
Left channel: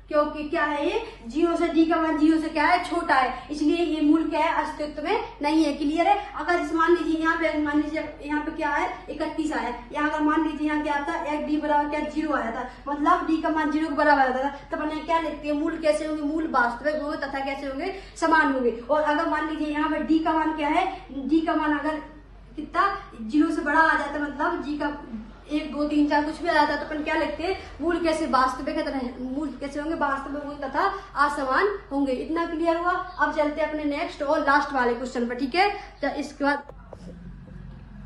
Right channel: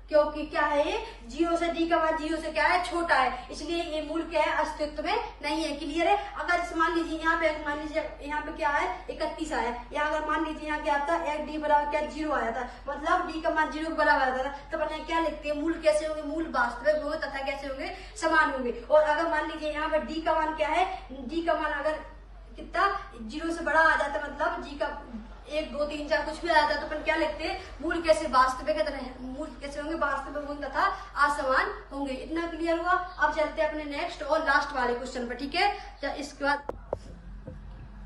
क्योंकि क्या है, ये 0 से d का मान 0 से क्या है, छोटा है, इसलिए ये मूल क्या है, अस्तित्व में नहीं है। क्लियर है। अगर मान लीजिए यहाँ पे, मान लीजिए यहाँ पे क्या है, 31 आया, या अगर मान लीजिए यहाँ क्या आता है, d बराबर क्या 0 आया था, मतलब d का मान 0 के बराबर आता था, तब अपन क्या लिखते हैं, मूल कैसे होंगे, मूल वास्तविक होंगे तथा कैसे होंगे, समान होंगे। और अगर मान लीजिए यहाँ पे d का मान क्या है, d का मान अगर कितना 0 से बड़ा आ जाता है, मतलब 1 2 3 4 कुछ भी आ जाता है तो अपन क्या लिखते हैं, मूल कैसे वास्तविक है, मूल कैसे होंगे, वास्तविक होंगे तथा असमान होंगे। इतना क्लियर हुआ। अब चलते हैं अपने नेक्स्ट और लास्ट वाले क्वेश्चन पर, ठीक है। तो इसके बाद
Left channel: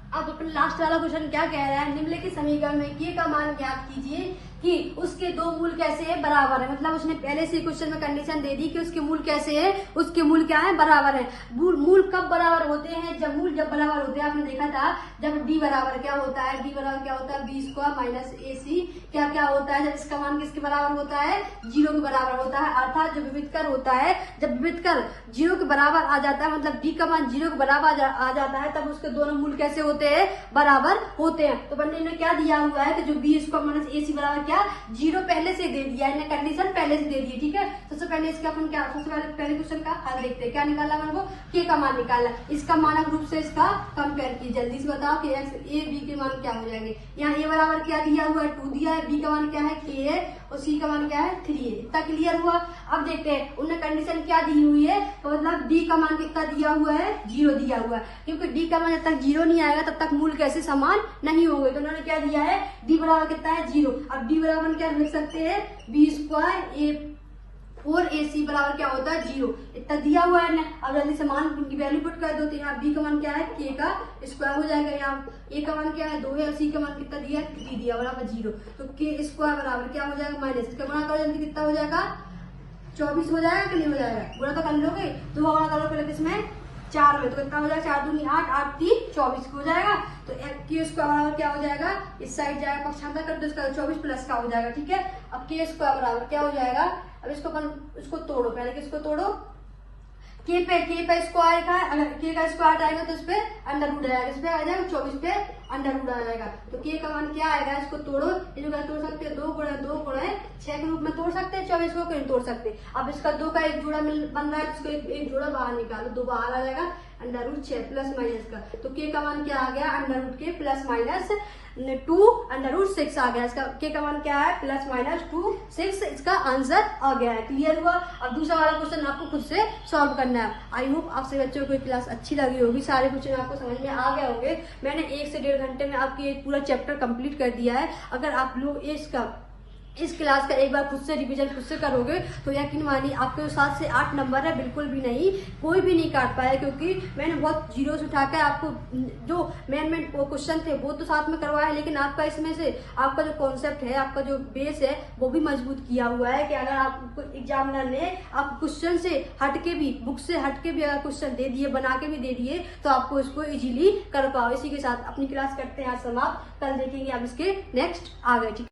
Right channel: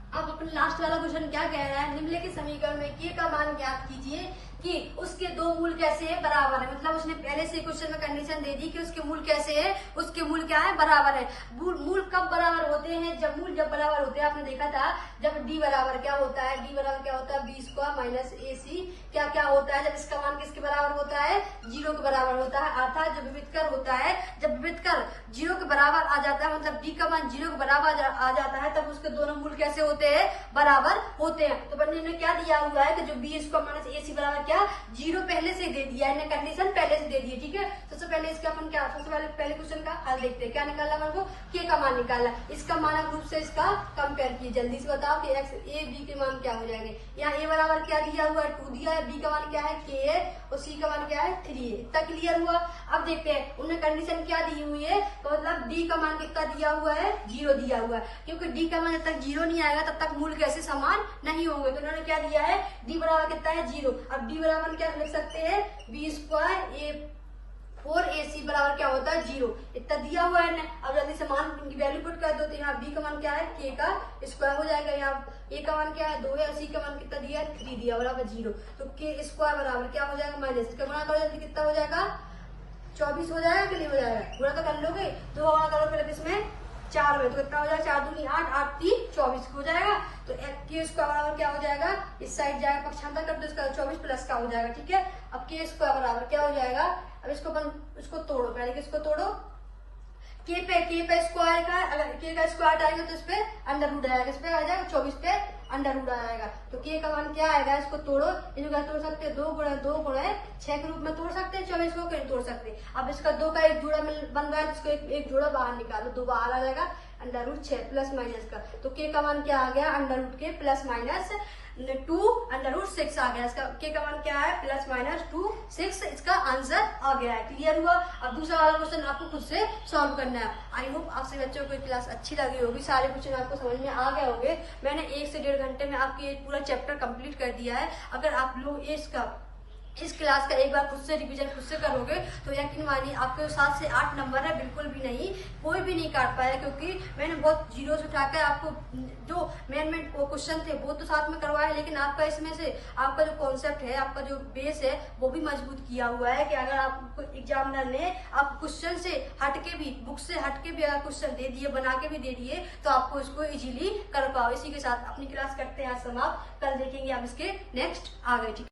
अब अपने लास्ट वाला क्वेश्चन क्या कह रहा है, निम्नलिखित समीकरण में k का मान ज्ञात कीजिए कि उसके दो मूल कैसे है, बराबर है। मतलब उसने पहले से क्वेश्चन में कंडीशन दे दी कि उसके मूल कैसे है, उसके मूल क्या है, बराबर है। मूल कब बराबर होते हैं, जब मूल जब बराबर होते हैं, आपने देखा था जब d बराबर क्या होता है, d बराबर क्या होता है, b स्क्वायर माइनस ac क्या क्या होता है, जब इसका मान किसके बराबर होता है, 0 के बराबर होता है। अर्थात जब विविधकर होता है, जब विविधकर 0 के बराबर आ जाता है, मतलब d का मान 0 के बराबर आ जाता है, तब उसके दोनों मूल कैसे होते हैं, बराबर होते हैं। तो पंडित ने क्या दिया हुआ है कि जो b स्क्वायर माइनस ac बराबर क्या 0 पहले से दे दिया है, कंडीशन पहले से दे दी, ठीक है। सबसे पहले इसका अपन क्या, सबसे पहले क्वेश्चन का हल देखते हैं। क्या निकालना है हमको, k का मान निकालना। इसका मानक रूप से इसका कंपेयर किया, जल्दी से बताओ कि a b के मान क्या हो जाएंगे। यहाँ a बराबर क्या दिया हुआ है, 2 दिया है, b का मान क्या है, k है, और c का मान क्या है, 3 है। इतना क्लियर हुआ। अब देखते हैं उन्होंने कंडीशन क्या दी हुई है, तो मतलब d का मान कितना दिया हुआ है, 0 दिया हुआ है, क्योंकि d का मान जब तक 0 नहीं आएगा तब तक मूल कैसे समान नहीं होंगे। तो उन्होंने क्या दिया है, d बराबर कितना है, 0। अब d बराबर क्या लिख सकते हैं, b स्क्वायर 4ac बराबर क्या होता है, 0। इतना दिया हुआ है। अब जल्दी से मान की वैल्यू पुट कर दो, तो यहाँ b का मान क्या है, k का स्क्वायर हो जाएगा। यहाँ a का मान क्या है, 2 है, और c का मान कितना दिया है, 3 दिया बराबर 0। तो k स्क्वायर बराबर क्या हो जाएगा, माइनस इसका गुणा करो, जल्दी कितना हो जाएगा, 24 हो जाएगा, क्लियर हो जाएगा। गुणा तो कर लोगे, 2 गुणा करो पहले किसमें, 4 में, तो कितना हो जाएगा, 4 दूनी 8, 8 3 24 हो जाएगा। तो k स्क्वायर बराबर क्या हो जाएगा, इस साइड जाएगा पक्षांतर कर दो, इसका 24 प्लस का हो जाएगा, ठीक है। अब k स्क्वायर बराबर क्या हो जाएगा, अब इसको तोड़ो, पहले किसको तोड़ो, k पे स्क्वायर का, अगर k का स्क्वायर आएगा तो इस पे अंडर रूट आएगा, इस पे आ जाएगा 24 पे अंडर रूट आएगा। तो k का मान क्या आएगा, इसको तोड़ो, ये तोड़ सकते हैं, 2 गुणा 2 गुणा 6 के रूप में तोड़ सकते हैं, 24 को कहीं तोड़ सकते हैं। अब इसका 2 का एक जोड़ा बन रहा है, जिसको एक जोड़ा बाहर निकालो, 2 बाहर आ जाएगा, अंडर रूट 6 प्लस माइनस का। तो k का मान क्या आ गया, अंडर रूट के प्लस माइनस 2 अंडर रूट 6 आ गया। इसका k का मान क्या है, प्लस माइनस 2 6, इसका आंसर आ गया है। क्लियर हुआ। अब दूसरा वाला क्वेश्चन आपको खुद से सॉल्व करना है। आई होप आपसे बच्चों को क्लास अच्छी लगी होगी, सारे क्वेश्चन आपको समझ में आ गए होंगे। मैंने 1 से 1.5 घंटे में आपकी एक पूरा चैप्टर कंप्लीट कर दिया है। अगर आप लोग इस क्लास का एक बार खुद से रिवीजन खुद से करोगे तो यकीन मानिए आपके 7 से 8 नंबर है, बिल्कुल भी नहीं, कोई भी नहीं काट पाया, क्योंकि मैंने बहुत जीरो से उठाकर आपको जो मेन क्वेश्चन थे वो तो साथ में करवाया है, लेकिन आपका इसमें से आपका जो कॉन्सेप्ट है, आपका जो बेस है वो भी मजबूत किया हुआ है कि अगर आपको एग्जामिनर ने आप क्वेश्चन से हटके भी, बुक से हटके भी अगर क्वेश्चन दे दिए, बना के भी दे दिए, तो आपको इसको इजीली कर पाओ। इसी के साथ अपनी क्लास करते हैं समाप्त। कल देखेंगे आप इसके नेक्स्ट आगे, ठीक है।